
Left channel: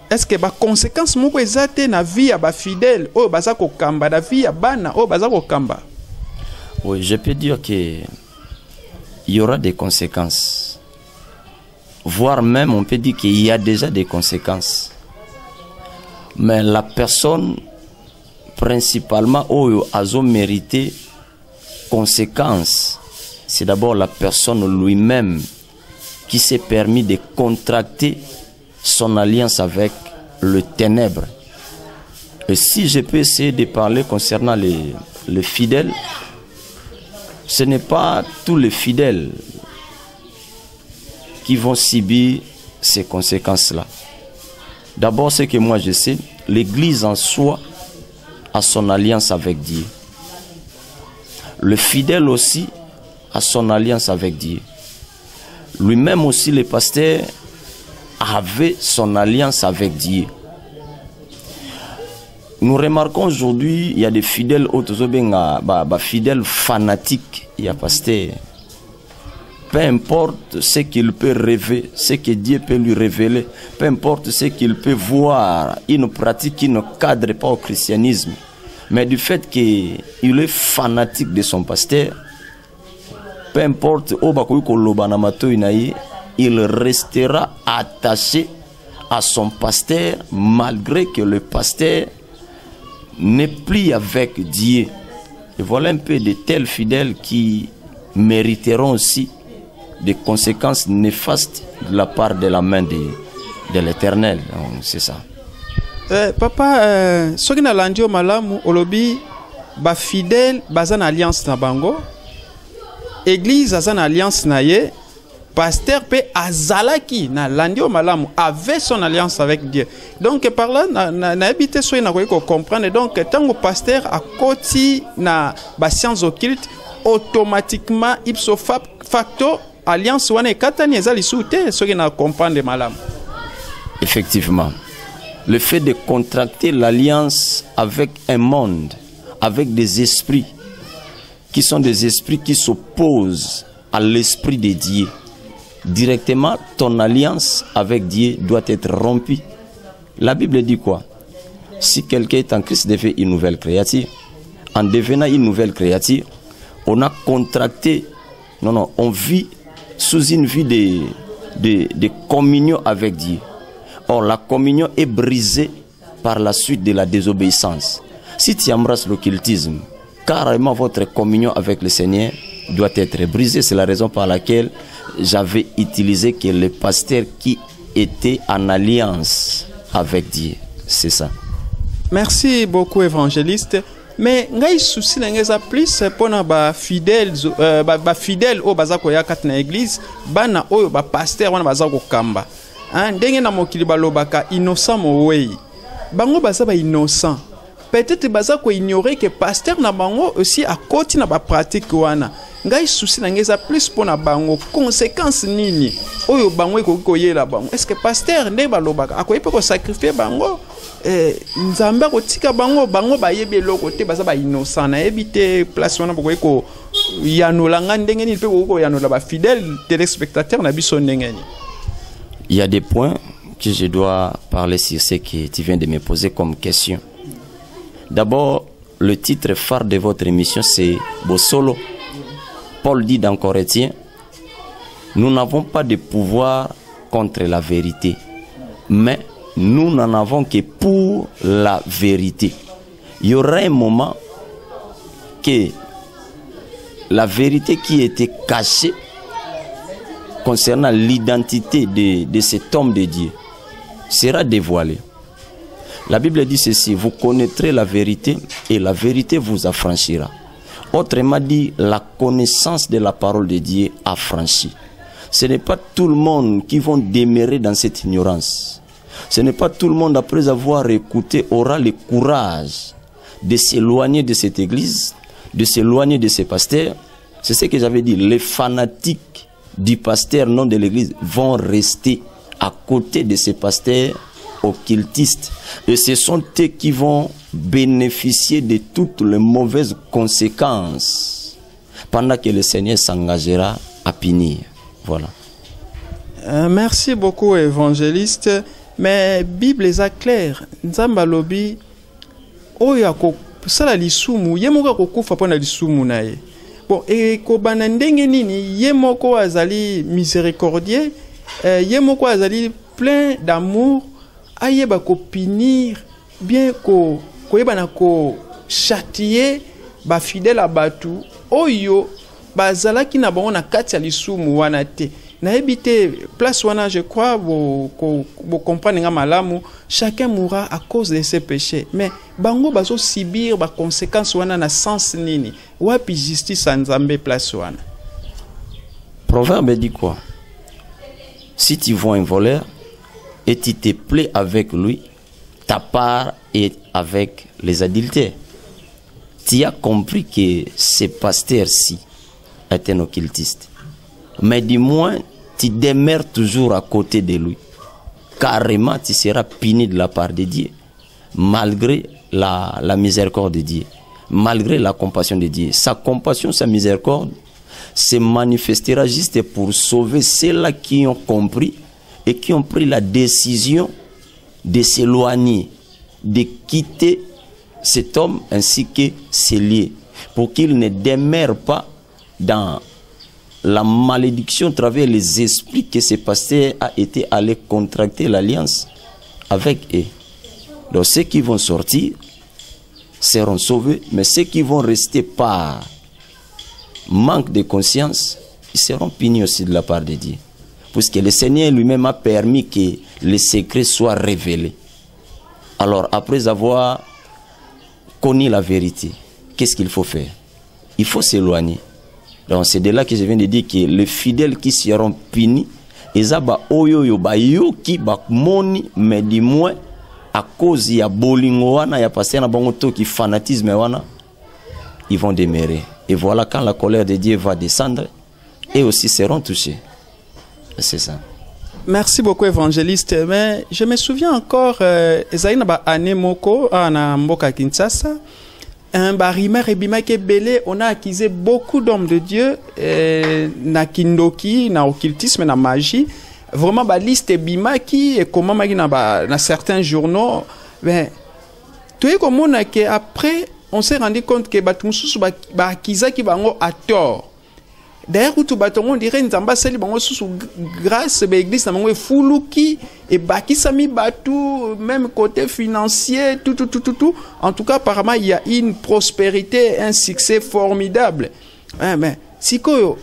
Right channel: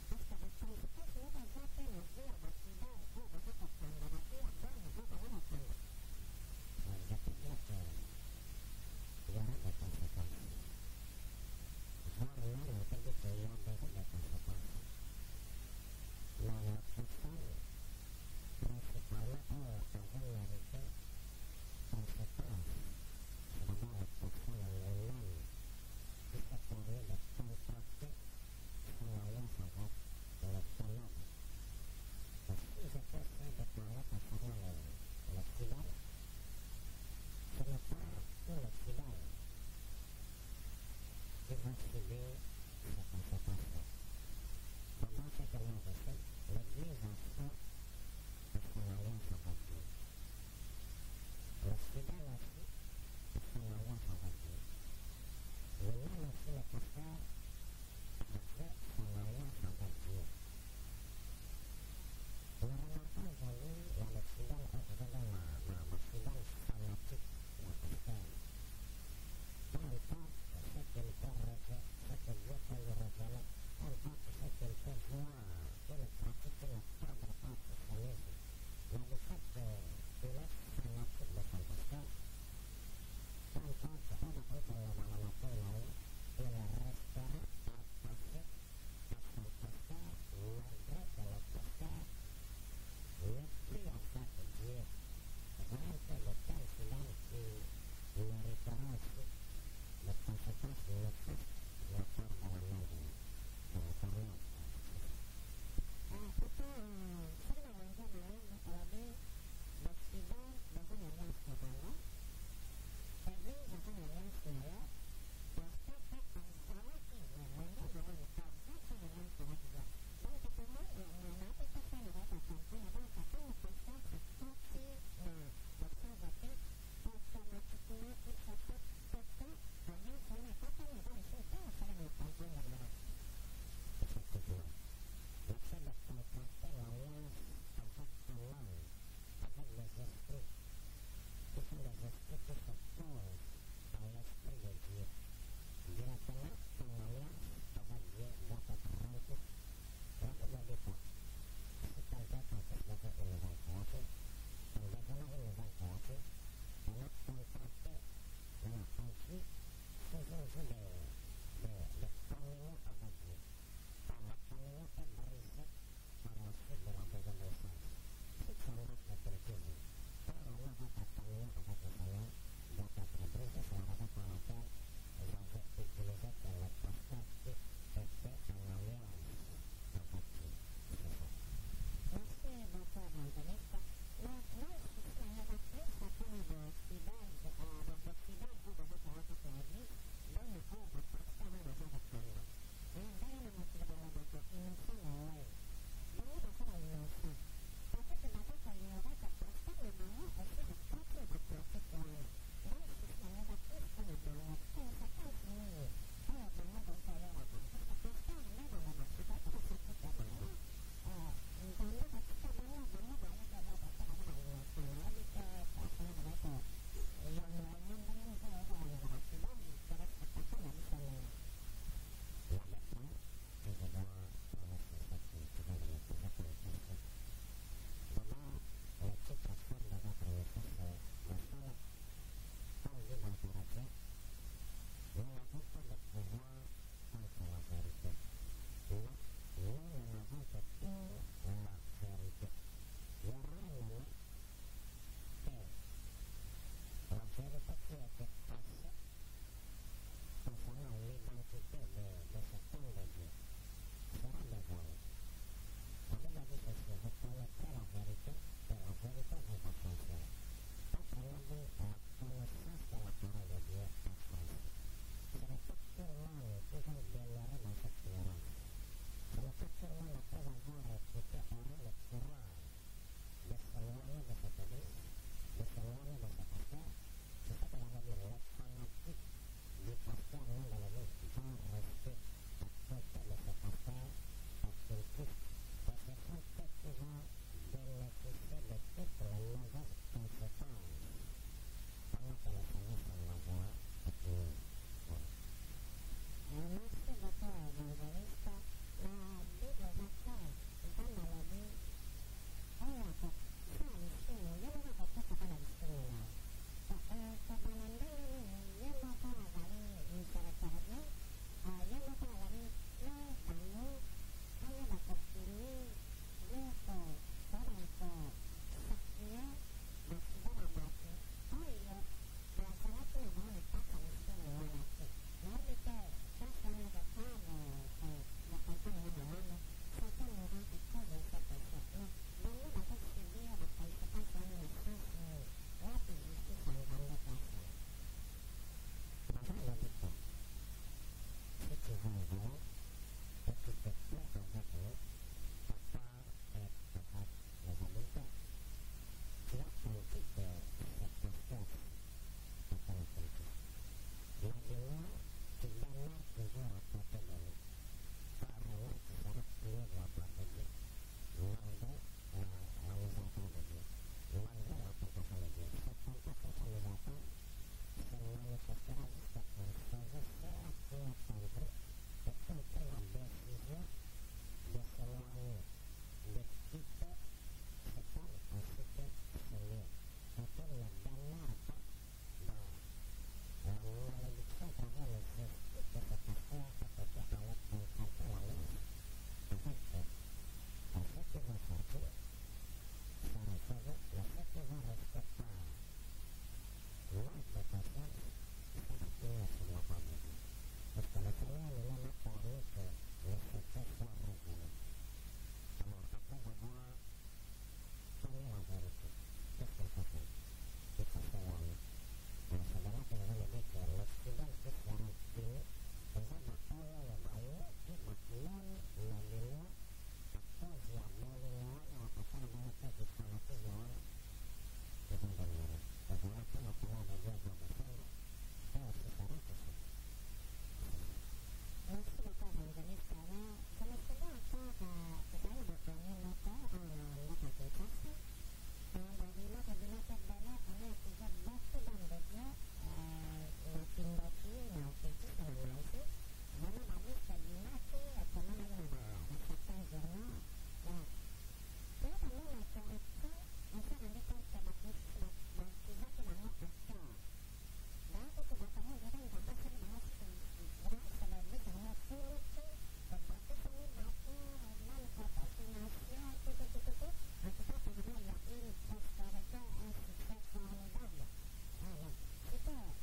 Est-ce que ba conséquences moko ezate na vie ya ba fidèle o baza ko kamba na vie ya bana o baza ko kamba? Oui, je peux dire que il y aura des conséquences. Voire même on peut dire qu'il y a déjà des conséquences. Mais la personne principalement où a mérité conséquences, c'est d'abord la personne lui-même qui s'est permis de contracter son alliance avec le ténèbre. Et si je peux essayer de parler concernant les fidèles, ce n'est pas tous les fidèles qui vont subir ces conséquences-là. D'abord, ce que moi je sais, l'Église en soi a son alliance avec Dieu. Le fidèle aussi a son alliance avec Dieu. Lui-même aussi, le pasteur, avait son alliance avec Dieu. Nous remarquons aujourd'hui, il y a des fidèles fidèles fanatiques, il y a pasteur. Peu importe ce qu'il peut rêver, ce que Dieu peut lui révéler, peu importe ce qu'il peut voir, il ne pratique, il ne cadre pas au christianisme. Mais du fait qu'il est fanatique de son pasteur, peu importe, il restera attaché à son pasteur malgré que le pasteur n'est plus avec Dieu. Et voilà un peu de tels fidèles qui mériteront aussi des conséquences néfastes de la part de la main de l'Éternel. C'est ça. Papa, ce qui n'a l'andio malamu, olobi, ba fidèle, bazan alliance na bango, église azan alliance na ye, pasteur pe azalaki na landio malamu avait son alliance avec Dieu. Donc par là na habité so na ko comprendre donc tant que pasteur a koti na ba sciences occultes automatiquement ipso facto alliance wana katani ezali soute so ki na comprendre malamu. Effectivement. Le fait de contracter l'alliance avec un monde, avec des esprits qui sont des esprits qui s'opposent à l'esprit de Dieu, directement ton alliance avec Dieu doit être rompue. La Bible dit quoi? Si quelqu'un est en Christ, devient une nouvelle créature. En devenant une nouvelle créature, on a contracté, on vit sous une vie de communion avec Dieu. Or, la communion est brisée par la suite de la désobéissance. Si tu embrasses l'occultisme, carrément votre communion avec le Seigneur doit être brisée. C'est la raison par laquelle j'avais utilisé que le pasteur qui était en alliance avec Dieu. C'est ça. Merci beaucoup, évangéliste. Mais ngai souci n'engeza plus pour ba fidèles au bazako ya kat na église bana oyo ba pasteur wana bazako kamba. Ndenge na mokili balobaka innocent mowei. Bango baza ba innocent. Peut-être bazako ignorer que pasteur na bango aussi a koti na ba pratique wana. Ngai souci n'engeza plus pour na bango conséquences nini oyo bango ekokoyela bango. Est-ce que pasteur ne balobaka akoyi pe ko sacrifier bango? Nzamba kotika bango ba yebi eloko te baza ba innocent na ebite place wana bokoyi ko yanola ndenge ni pe ko yanola ba fidèles téléspectateurs na biso ndenge ni. Il y a des points que je dois parler sur ce que tu viens de me poser comme question. D'abord, le titre phare de votre émission c'est Bosolo. Paul dit dans Corinthiens, nous n'avons pas de pouvoir contre la vérité, mais nous n'en avons que pour la vérité. Il y aura un moment que la vérité qui était cachée concernant l'identité de cet homme de Dieu sera dévoilée. La Bible dit ceci: vous connaîtrez la vérité et la vérité vous affranchira. Autrement dit, la connaissance de la parole de Dieu affranchit. Ce n'est pas tout le monde qui va demeurer dans cette ignorance. Ce n'est pas tout le monde, après avoir écouté, aura le courage de s'éloigner de cette église, de s'éloigner de ces pasteurs. C'est ce que j'avais dit. Les fanatiques du pasteur, non de l'église, vont rester à côté de ces pasteurs occultistes. Et ce sont eux qui vont bénéficier de toutes les mauvaises conséquences pendant que le Seigneur s'engagera à punir. Voilà. Merci beaucoup, évangéliste. Mais Bible est claire. Nzamba lobi oya ko sala lisumu yemoka kokufa pona lisumu naye. Bon, et ko banandenge nini yemoko azali miséricordieux, yemoko azali plein d'amour, ayeba ko punir bien ko yeba na ko châtier ba fidèle abatu oyo bazalaki na bango na kati ya lisumu wana te. Na habité place wana, je crois, vous comprenez malamu, chacun mourra à cause de ses péchés. Mais bango bazo subir ba conséquences wana na sens nini. Wapi justice en Nzambe place wana. Proverbe dit quoi? Si tu vois un voleur et tu te plais avec lui, ta part est avec les adultères. Tu as compris que ce pasteur-ci est un occultiste. Mais du moins, tu demeures toujours à côté de lui. Carrément, tu seras puni de la part de Dieu. Malgré la miséricorde de Dieu. Malgré la compassion de Dieu. Sa compassion, sa miséricorde se manifestera juste pour sauver ceux-là qui ont compris et qui ont pris la décision de s'éloigner, de quitter cet homme ainsi que ses lieux, pour qu'il ne demeure pas dans la malédiction à travers les esprits que ce pasteur a été allé contracter l'alliance avec eux. Donc ceux qui vont sortir seront sauvés, mais ceux qui vont rester par manque de conscience, ils seront punis aussi de la part de Dieu. Puisque le Seigneur lui-même a permis que les secrets soient révélés. Alors après avoir connu la vérité, qu'est-ce qu'il faut faire? Il faut s'éloigner. Donc c'est de là que je viens de dire que les fidèles qui seront punis, ils ont moni, mais du moins à cause il y a bolingo wana, il y a passé na bango qui fanatisme wana, ils vont demeurer. Et voilà quand la colère de Dieu va descendre, eux aussi seront touchés. C'est ça. Merci beaucoup, évangéliste. Mais je me souviens encore, Ezaïna ba anemoko na mboka Kinshasa. Un barimar et bimake belé, on a accusé beaucoup d'hommes de Dieu, na kindoki, na occultisme, na magie. Vraiment, ba liste bimaki et comment magi na certains journaux. Ben, tout est comme on a que après, on s'est rendu compte que batumusu ba accusé qui bango à tort. D'ailleurs, tout on dirait Nzamba seli bango sous grâce be église na bango fuluki et baki sami batu même côté financier tout. En tout cas, apparemment, il y a une prospérité, un succès formidable. Mais si koyo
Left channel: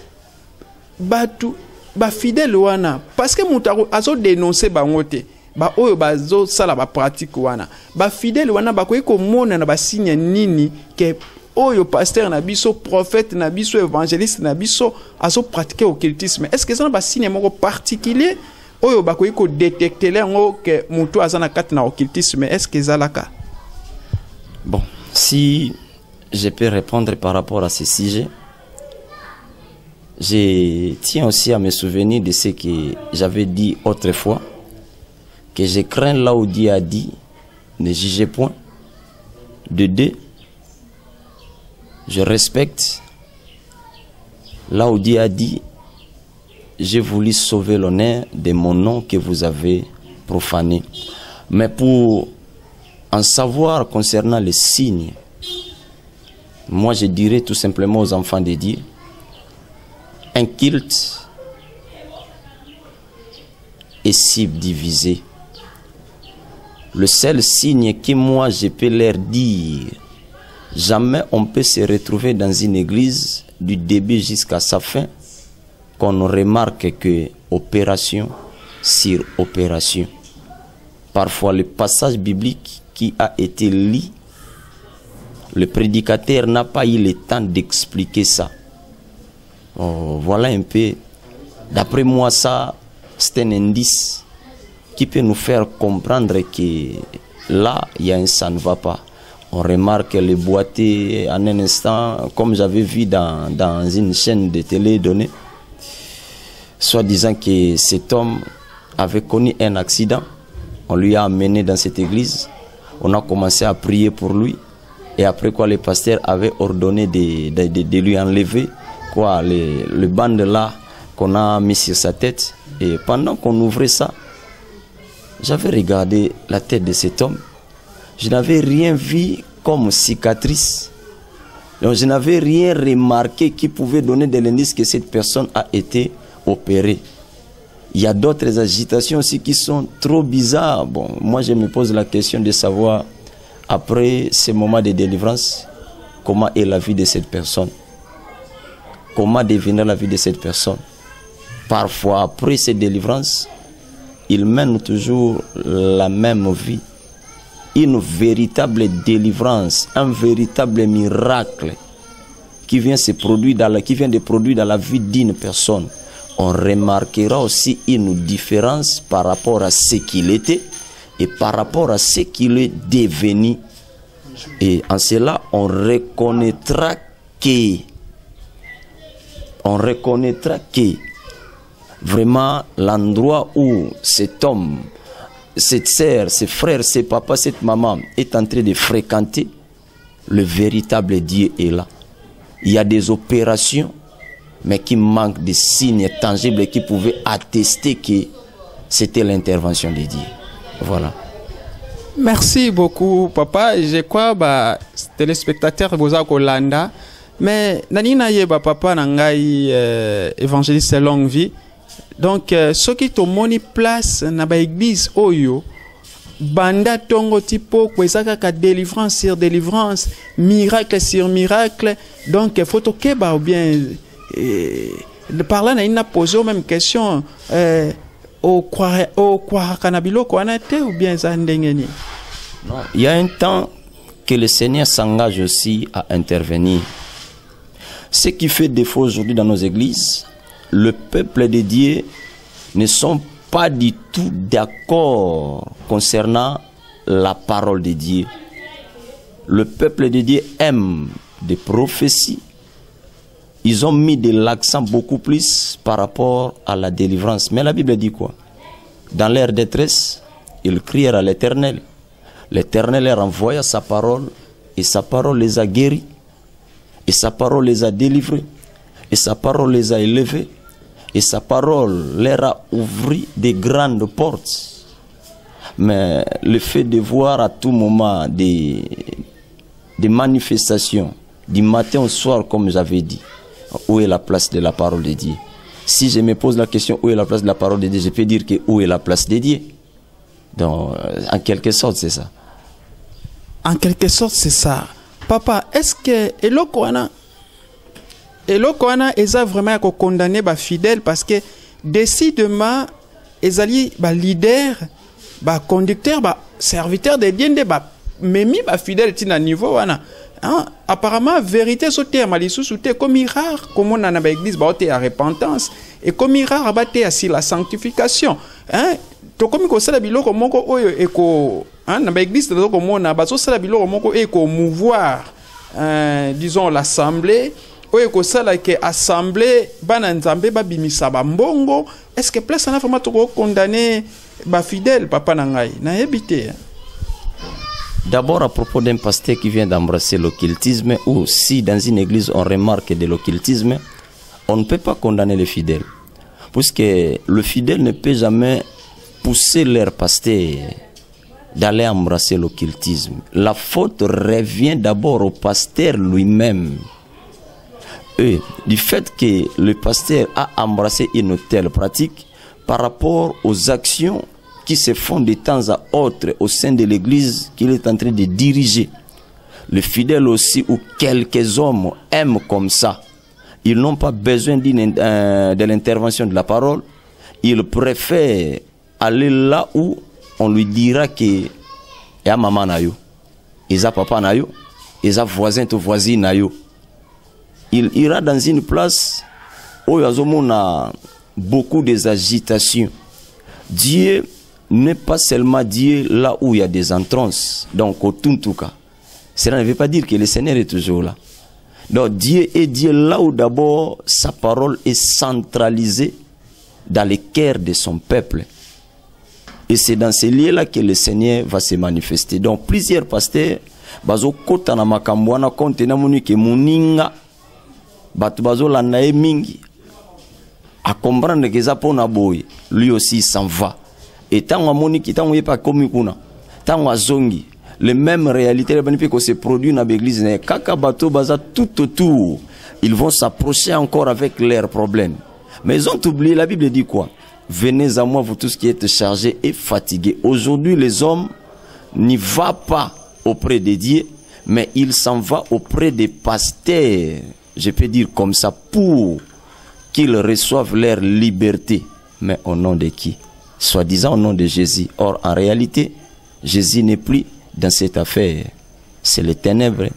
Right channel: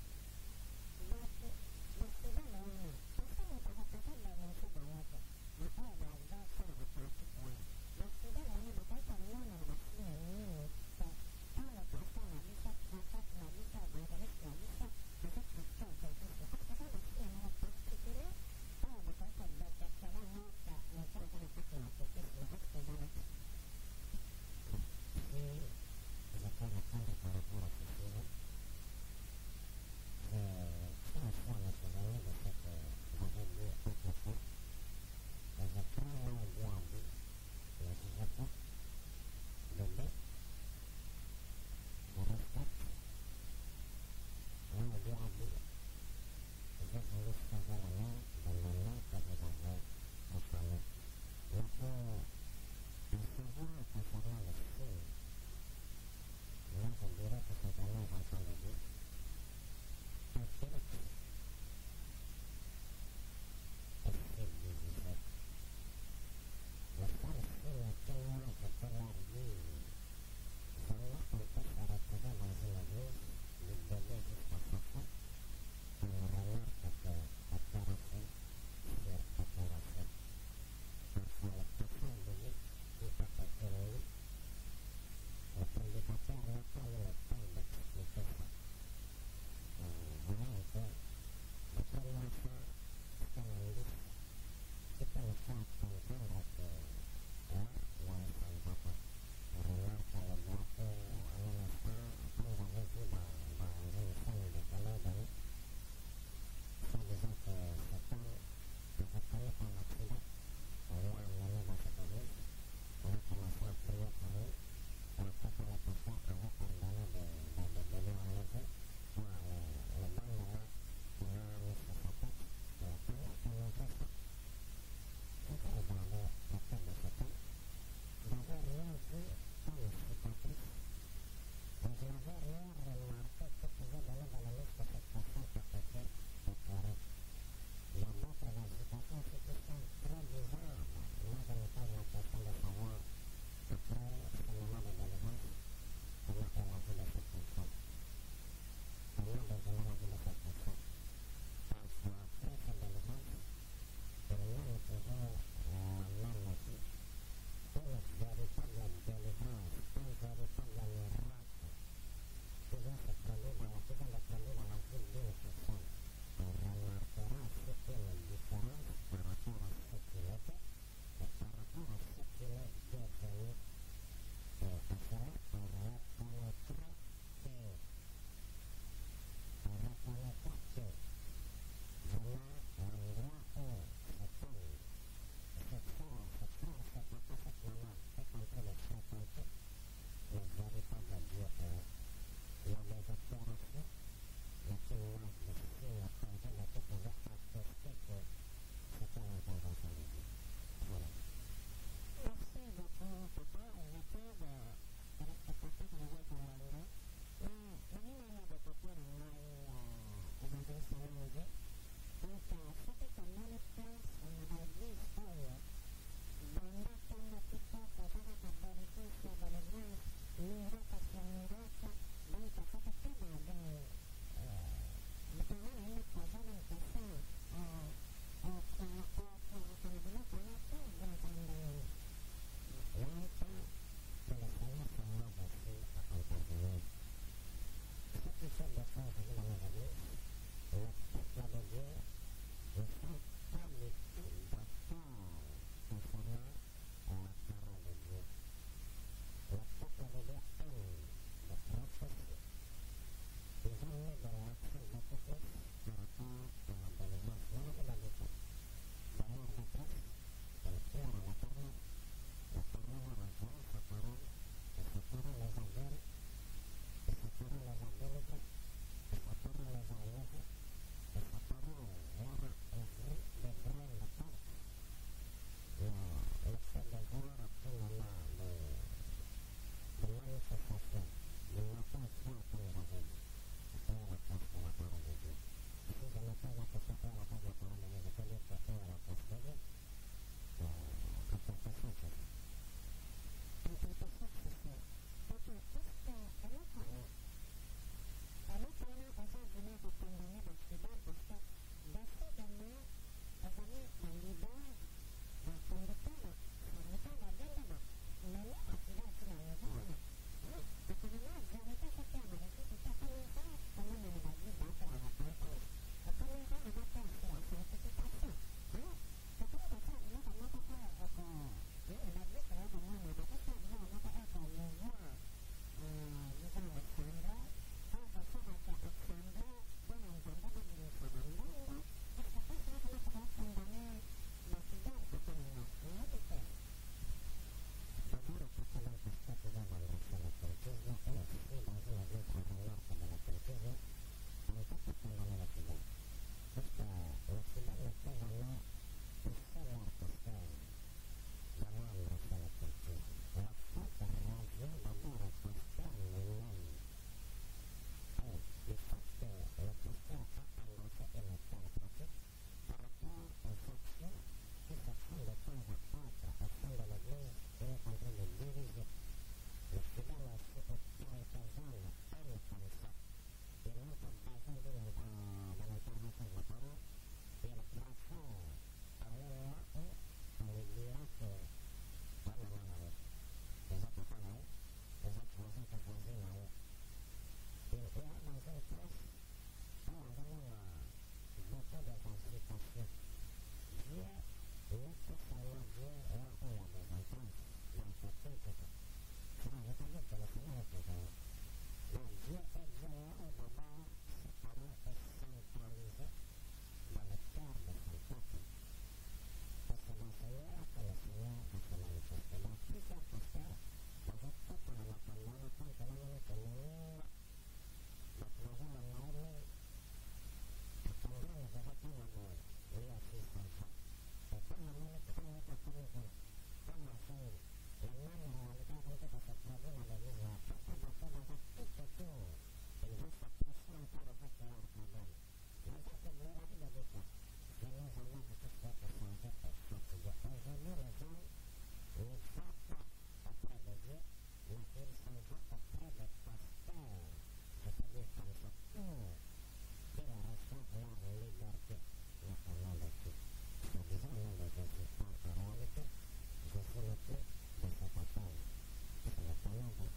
batu ba fidèle wana parce que mutaro azo dénoncer bango te ba oyo bazo sala ba pratique wana ba fidèle wana ba ko mona na ba signe nini que oyo pasteur na biso, prophète na biso, évangéliste na biso aso pratiquer occultisme. Est-ce que ça na ba signe moko particulier oyo ba ko détecter ngo que mutu azana kat na occultisme? Est-ce que ça la cas? Bon, si je peux répondre par rapport à ce sujet, je tiens aussi à me souvenir de ce que j'avais dit autrefois, que je crains là où Dieu a dit, ne jugez point. De deux, je respecte là où Dieu a dit, j'ai voulu sauver l'honneur de mon nom que vous avez profané. Mais pour en savoir concernant les signes, moi je dirais tout simplement aux enfants de Dieu, un culte est subdivisé Le seul signe que moi je peux leur dire, jamais on peut se retrouver dans une église du début jusqu'à sa fin, qu'on remarque que opération sur opération. Parfois le passage biblique qui a été lu, le prédicateur n'a pas eu le temps d'expliquer ça. Voilà un peu, d'après moi ça, c'est un indice qui peut nous faire comprendre que là, il y a un ça ne va pas. On remarque le boîtier en un instant, comme j'avais vu dans une chaîne de télé donnée, soit disant que cet homme avait connu un accident. On lui a amené dans cette église. On a commencé à prier pour lui. Et après quoi, le pasteur avait ordonné de lui enlever quoi, le bande là qu'on a mis sur sa tête. Et pendant qu'on ouvrait ça, j'avais regardé la tête de cet homme. Je n'avais rien vu comme cicatrice. Donc je n'avais rien remarqué qui pouvait donner de l'indice que cette personne a été opérée. Il y a d'autres agitations aussi qui sont trop bizarres. Bon, moi je me pose la question de savoir, après ce moment de délivrance, comment est la vie de cette personne? Comment devenir la vie de cette personne? Parfois, après cette délivrance, il mène toujours la même vie. Une véritable délivrance, un véritable miracle qui vient de produire dans la vie d'une personne. On remarquera aussi une différence par rapport à ce qu'il était et par rapport à ce qu'il est devenu. Et en cela, on reconnaîtra que vraiment l'endroit où cet homme, cette sœur, ses frères, ses papas, cette maman est en train de fréquenter, le véritable Dieu est là. Il y a des opérations, mais qui manquent de signes tangibles qui pouvaient attester que c'était l'intervention de Dieu. Voilà. Merci beaucoup, papa. Je crois que téléspectateurs boza kolanda, mais nanina yeba papa nangai évangéliste longue vie. Donc ceux qui ont moni place na ba église oyo banda tongo tipo kwezaka ka délivrance sur délivrance, miracle sur miracle. Donc faut keba ou bien par là il n'a posé aux mêmes questions au kanabilo kwanate ou bien zandengeni. Il y a un temps que le Seigneur s'engage aussi à intervenir. Ce qui fait défaut aujourd'hui dans nos églises, le peuple de Dieu ne sont pas du tout d'accord concernant la parole de Dieu. Le peuple de Dieu aime des prophéties. Ils ont mis de l'accent beaucoup plus par rapport à la délivrance. Mais la Bible dit quoi? Dans leur détresse, ils crièrent à l'Éternel. L'Éternel leur envoya sa parole et sa parole les a guéris. Et sa parole les a délivrés. Et sa parole les a élevés. Et sa parole leur a ouvert de grandes portes. Mais le fait de voir à tout moment des manifestations, du matin au soir, comme j'avais dit, où est la place de la parole de Dieu? Si je me pose la question où est la place de la parole de Dieu, je peux dire que où est la place de Dieu? Donc, en quelque sorte, c'est ça. En quelque sorte, c'est ça. Papa, est-ce que Elokwana est vraiment condamné les fidèles parce que décidément, ils allaient leader, conducteur, serviteur de Dieu, même les fidèles sont à niveau. Apparemment, vérité sauter à Malissou, comme rare, comme on a dans l'église, à repentance, et comme rare, abatté à la sanctification. Comme ko sala biloko moko oyo eko na ba église de komona bazo sala biloko moko eko mouvoir disons l'assemblée oyo ko sala ke assemblée bana nzambe ba bimisa ba mbongo. Est-ce que place na vraiment to condamner ba fidèle papa na ngai na ebité? D'abord à propos d'un pasteur qui vient d'embrasser l'occultisme, ou si dans une église on remarque de l'occultisme, on ne peut pas condamner les fidèles, puisque le fidèle ne peut jamais pousser leur pasteur d'aller embrasser l'occultisme. La faute revient d'abord au pasteur lui-même. Et du fait que le pasteur a embrassé une telle pratique par rapport aux actions qui se font de temps à autre au sein de l'Église qu'il est en train de diriger. Les fidèles aussi, ou quelques hommes aiment comme ça. Ils n'ont pas besoin de l'intervention de la parole. Ils préfèrent aller là où on lui dira que y a maman nayo, y a papa nayo, y a voisin ou voisine nayo. Il ira dans une place où il y a beaucoup d'agitations. Dieu n'est pas seulement Dieu là où il y a des entrances. Donc au Tuntuka. Cela ne veut pas dire que le Seigneur est toujours là. Donc Dieu est Dieu là où d'abord sa parole est centralisée dans le cœur de son peuple. Et c'est dans ces lieux-là que le Seigneur va se manifester. Donc plusieurs pasteurs, bazo kota na makambwana konte na munike muninga, batu bazo lanae mingi, à comprendre que ça pona boy, lui aussi s'en va. Et tant que moniki, tant que pas comme kuna, tant que zongi, les mêmes réalités que se produisent dans l'église, kaka bato baza tout autour, ils vont s'approcher encore avec leurs problèmes. Mais ils ont oublié, la Bible dit quoi? Venez à moi, vous tous qui êtes chargés et fatigués. Aujourd'hui, les hommes n'y vont pas auprès de Dieu, mais ils s'en vont auprès des pasteurs, je peux dire comme ça, pour qu'ils reçoivent leur liberté. Mais au nom de qui? Soi-disant au nom de Jésus. Or, en réalité, Jésus n'est plus dans cette affaire. C'est les ténèbres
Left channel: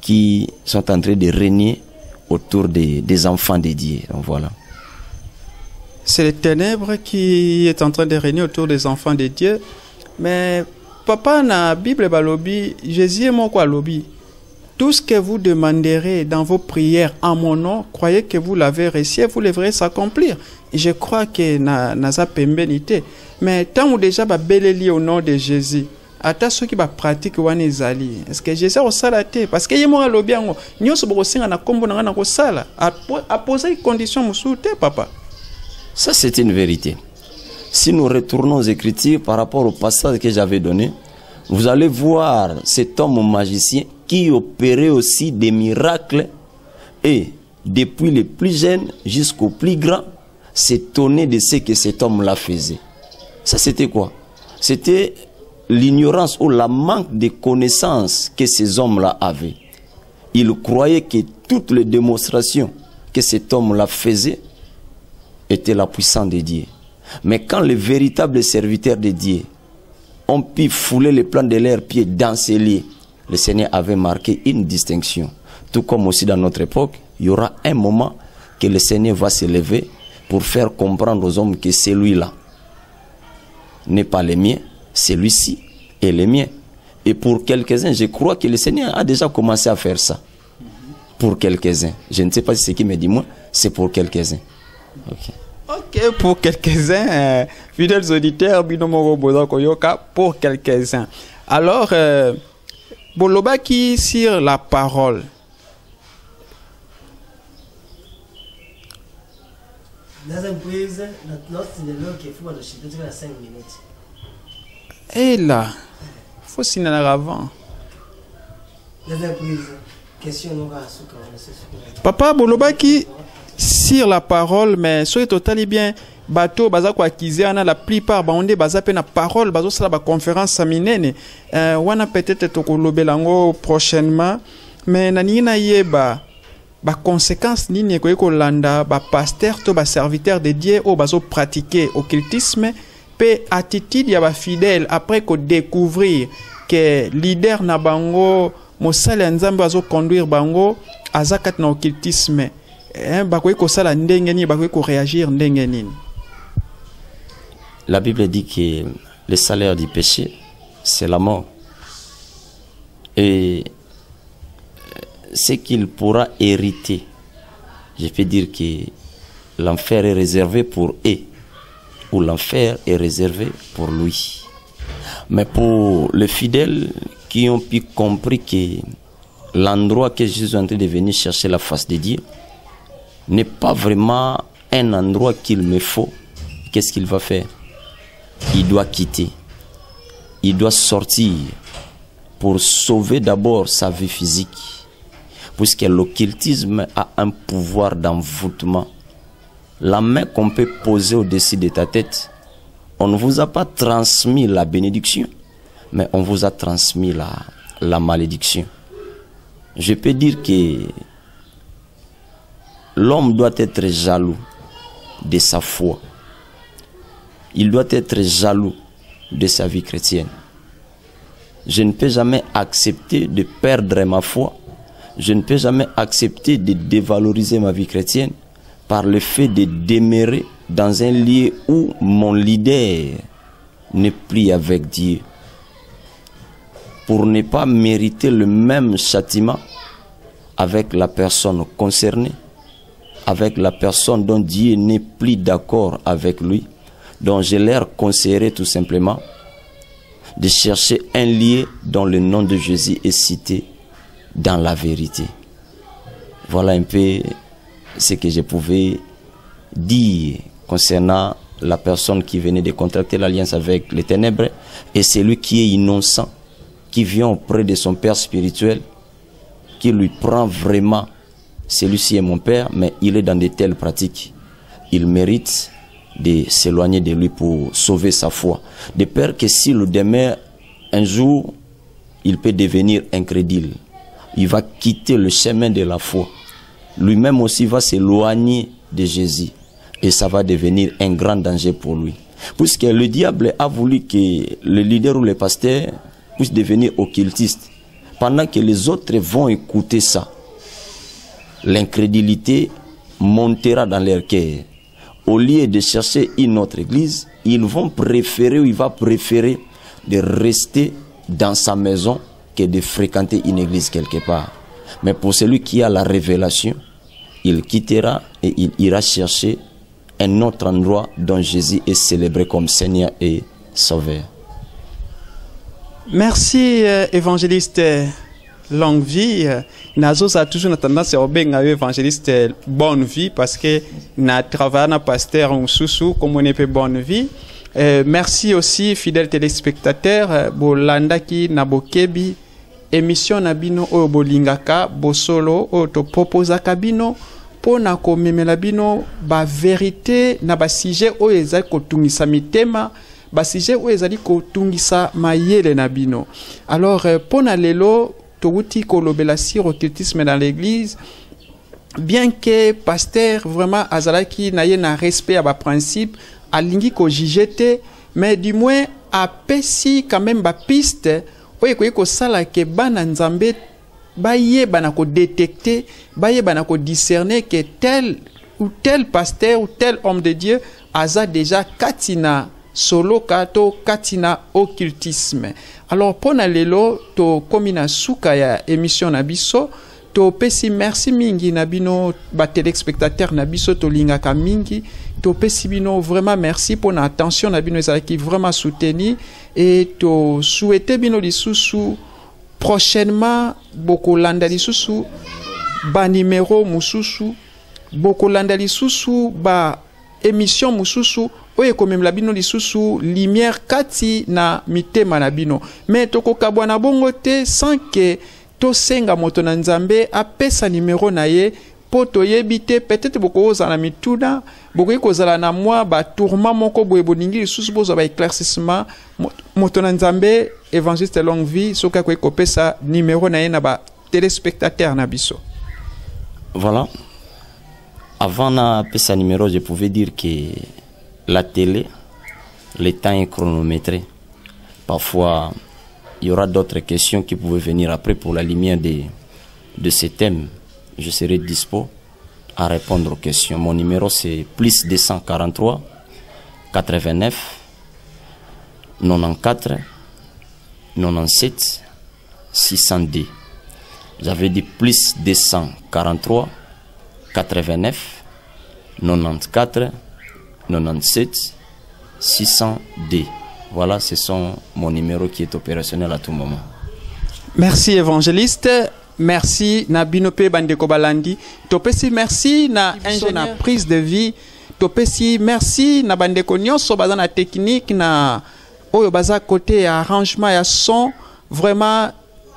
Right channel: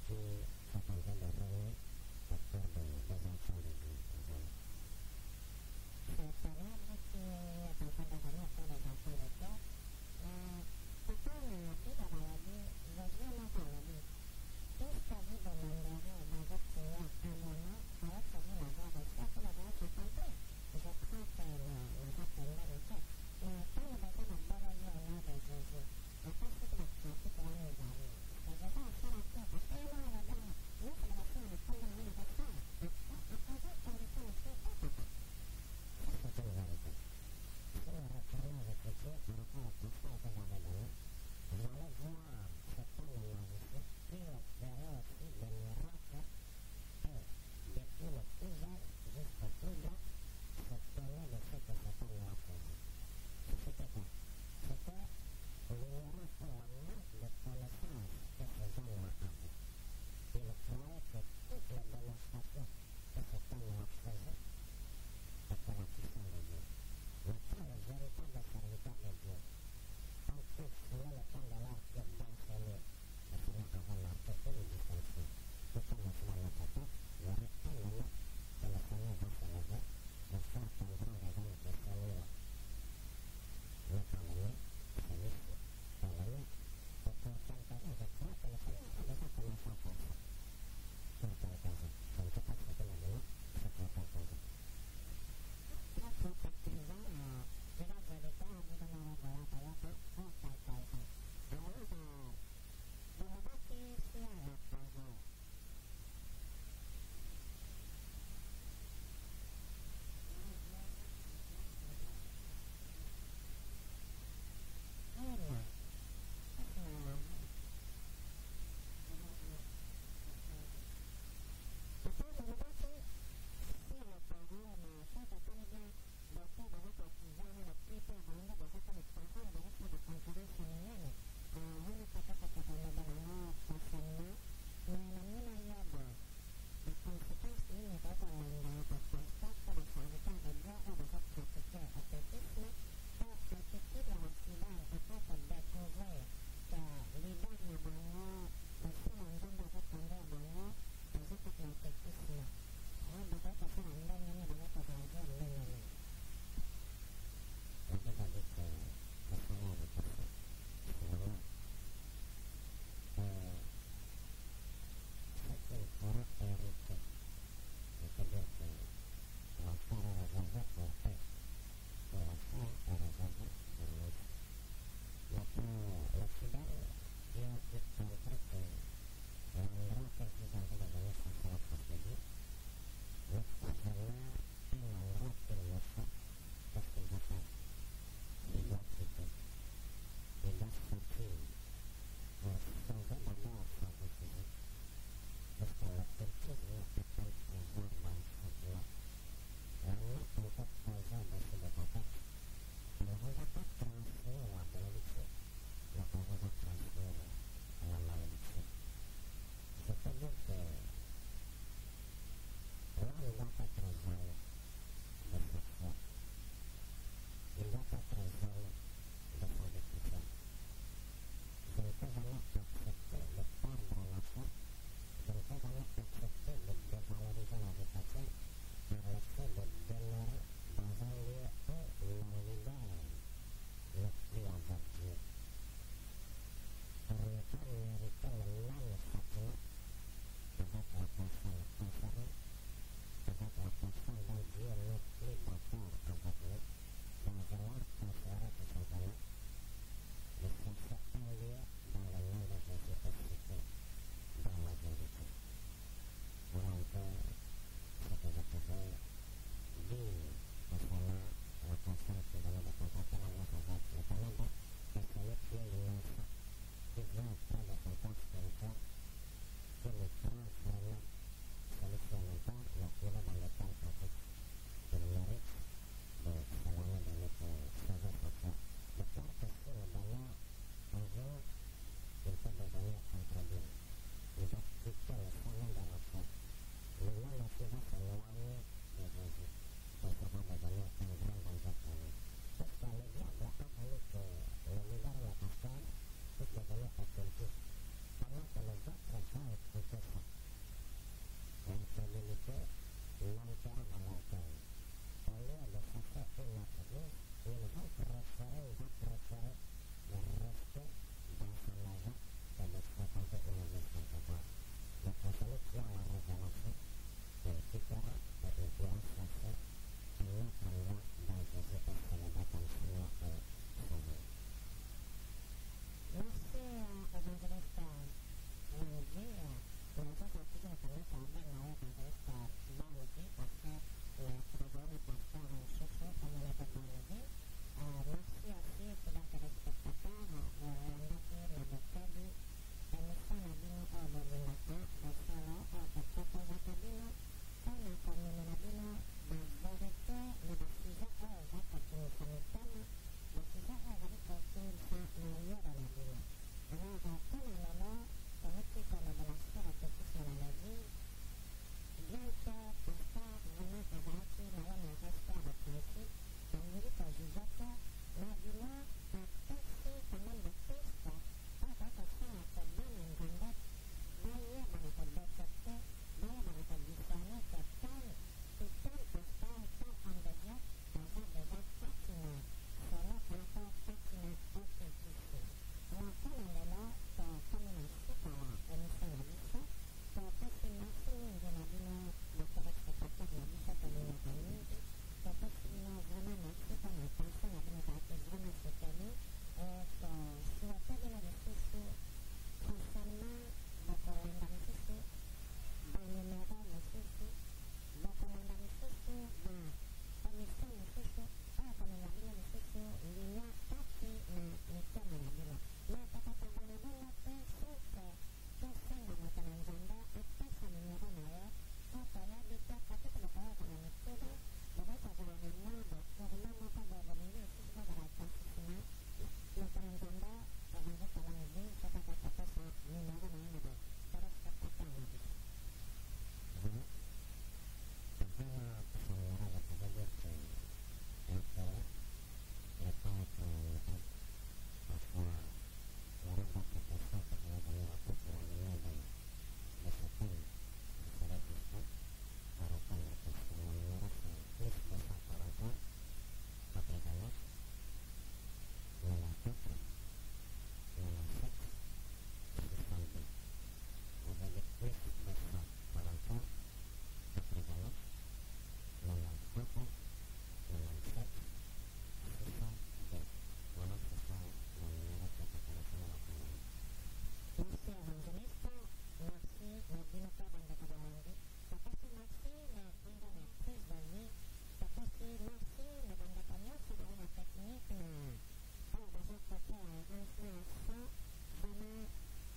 qui sont en train de régner autour des enfants de Dieu. Donc voilà. C'est les ténèbres qui est en train de régner autour des enfants de Dieu. Mais papa, dans la Bible, Jésus est mon quoi lobby. Tout ce que vous demanderez dans vos prières en mon nom, croyez que vous l'avez reçu et vous le verrez s'accomplir. Je crois que naza pembenité. Mais tant ou déjà beleli au nom de Jésus, ata ceux qui pratiquent wana ezali. Est-ce que Jésus a salaté? Parce que yemo alobi yango, nyonso bokosenga na kombo na ngana ko sala. A poser une condition musuté papa. Ça c'est une vérité. Si nous retournons aux Écritures par rapport au passage que j'avais donné, vous allez voir cet homme magicien qui opérait aussi des miracles et depuis les plus jeunes jusqu'aux plus grands s'étonner de ce que cet homme-là faisait. Ça c'était quoi? C'était l'ignorance ou la manque de connaissances que ces hommes-là avaient. Ils croyaient que toutes les démonstrations que cet homme-là faisait étaient la puissance de Dieu. Mais quand les véritables serviteurs de Dieu ont pu fouler les plans de leurs pieds dans ces lieux, le Seigneur avait marqué une distinction. Tout comme aussi dans notre époque, il y aura un moment que le Seigneur va se lever pour faire comprendre aux hommes que celui-là n'est pas le mien, celui-ci est le mien. Et pour quelques-uns, je crois que le Seigneur a déjà commencé à faire ça. Pour quelques-uns. Je ne sais pas si c'est qui me dit moi, c'est pour quelques-uns. Ok, pour quelques-uns, fidèles auditeurs, pour quelques-uns. Alors, Boloba qui sur la parole. Et là, il faut signer avant. Papa Boloba qui sur la parole, mais soyez totalement bien. Bateau baza kwa kizana la plupart baonde baza pe na parole bazo sala ba conférence saminene wana peut-être tokolobelango prochainement mais nani na yeba ba conséquences nini ko landa ba pasteur to ba serviteur de Dieu o bazo pratiquer occultisme pe attitude ya ba fidèle après ko découvrir que leader na bango mosala nzambe bazo conduire bango azakat na occultisme bakoy ko sala ndenge ni bakoy ko réagir ndenge nini. La Bible dit que le salaire du péché, c'est la mort. Et ce qu'il pourra hériter, je peux dire que l'enfer est réservé pour eux, ou l'enfer est réservé pour lui. Mais pour les fidèles qui ont pu comprendre que l'endroit que Jésus est en train de venir chercher la face de Dieu n'est pas vraiment un endroit qu'il me faut, qu'est-ce qu'il va faire? Il doit quitter, il doit sortir pour sauver d'abord sa vie physique, puisque l'occultisme a un pouvoir d'envoûtement. La main qu'on peut poser au-dessus de ta tête, on ne vous a pas transmis la bénédiction, mais on vous a transmis la malédiction. Je peux dire que l'homme doit être jaloux de sa foi. Il doit être jaloux de sa vie chrétienne. Je ne peux jamais accepter de perdre ma foi. Je ne peux jamais accepter de dévaloriser ma vie chrétienne par le fait de demeurer dans un lieu où mon leader n'est plus avec Dieu. Pour ne pas mériter le même châtiment avec la personne concernée, avec la personne dont Dieu n'est plus d'accord avec lui. Donc je leur conseillerais tout simplement de chercher un lieu dont le nom de Jésus est cité dans la vérité. Voilà un peu ce que je pouvais dire concernant la personne qui venait de contracter l'alliance avec les ténèbres et celui qui est innocent, qui vient auprès de son père spirituel, qui lui prend vraiment, celui-ci est mon père, mais il est dans de telles pratiques. Il mérite de s'éloigner de lui pour sauver sa foi. De peur que si le demeure, un jour, il peut devenir incrédule. Il va quitter le chemin de la foi. Lui-même aussi va s'éloigner de Jésus. Et ça va devenir un grand danger pour lui. Puisque le diable a voulu que le leader ou le pasteur puisse devenir occultiste. Pendant que les autres vont écouter ça, l'incrédulité montera dans leur cœur. Au lieu de chercher une autre église, ils vont préférer ou il va préférer de rester dans sa maison que de fréquenter une église quelque part. Mais pour celui qui a la révélation, il quittera et il ira chercher un autre endroit dont Jésus est célébré comme Seigneur et Sauveur. Merci, évangéliste Longue Vie. Nazo a toujours tendance à bien évangéliste Bonne Vie parce que na travaille na pasteur ou sous comme on est Bonne Vie. Merci aussi fidèles téléspectateurs bolanda ki na bokebi émission na bino o bolingaka bosolo o to proposa kabino pona ko memela bino ba vérité na ba sujet o ezali ko tungisa mitema ba sujet o ezali ko tungisa mayele na bino. Alors pona lelo touti kolobela sur occultisme dans l'église, bien que pasteur vraiment azalaki na ye na respect à ba principe alingi ko jijete, mais du moins apesi quand même ba piste oye ko sala ke bana nzambe baye bana ko détecter, baye bana ko discerner que tel ou tel pasteur ou tel homme de Dieu aza déjà katina solo kato katina occultisme. Alors pour lelo to komina suka ya émission na biso to pesi merci mingi na bino ba téléspectateurs na biso to lingaka mingi to pesi bino vraiment merci pour na attention na bino qui vraiment soutenu et to souhaiter bino lisusu prochainement boko landa lisusu ba numéro mususu boko landa lisusu ba émission mususu oye komem la bino lisusu lumière kati na mitema na bino mais toko kabwana bongo te sans que to senga moto na nzambe apesa numéro na ye po toyebi te peut-être boko ozala mituna boko kozala na mwa ba tourment moko boye boningi lisusu bozo ba éclaircissement moto na nzambe évangéliste Longue Vie soka ko kopesa numéro na ye na ba téléspectateur na biso. Voilà. Avant na pesa numéro, je pouvais dire que la télé, le temps est chronométré. Parfois, il y aura d'autres questions qui pouvaient venir après pour la lumière de ces thèmes. Je serai dispo à répondre aux questions. Mon numéro c'est plus 243 89 94 97 602. J'avais dit plus 243 89 94 97 602. Voilà, ce sont mon numéro qui est opérationnel à tout moment. Merci évangéliste. Merci na binope bandeko balandi. Topesi merci na ingénieur na prise de vie. Topesi merci na bandeko nyonso baza na technique na oyo baza côté arrangement ya son. Vraiment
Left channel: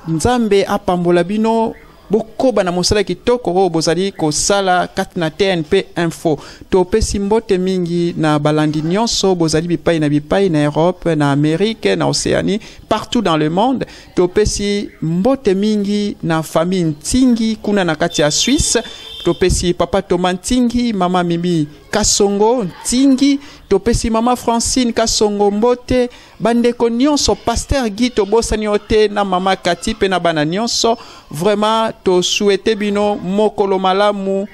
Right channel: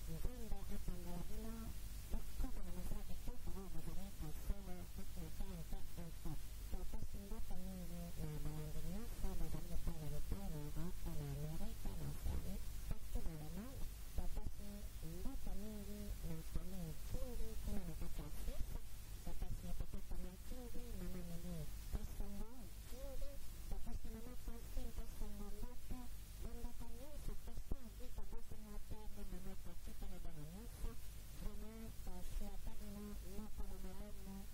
nzambe apambola bino bokoba na mosala kitoko oyo bozali kosala kati na TNP Info. Topesi mbote mingi na balandi nyonso bozali bipai na Europe, na Amérique, na Océanie, partout dans le monde. Topesi mbote mingi na famille Ntingi kuna na kati ya Suisse. Topesi papa Thomas Ntingi, mama Mimi Kasongo Ntingi, topesi mama Francine Kasongo mbote, bandeko nyonso, pasteur Guy tobosani ote na mama Kati pe na bana nyonso. Vraiment to souhaite bino mokolo malamu,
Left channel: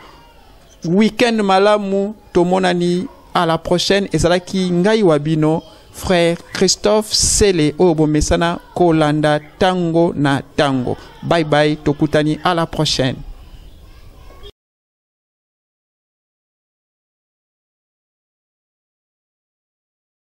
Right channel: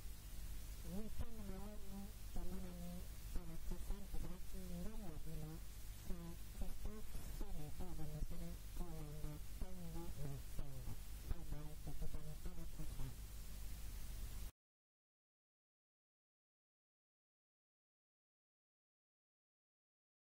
weekend malamu, tomonani à la prochaine. Ezalaki ngai wabino frère Christophe Sele obo mesana kolanda tango na tango. Bye bye, tokutani à la prochaine.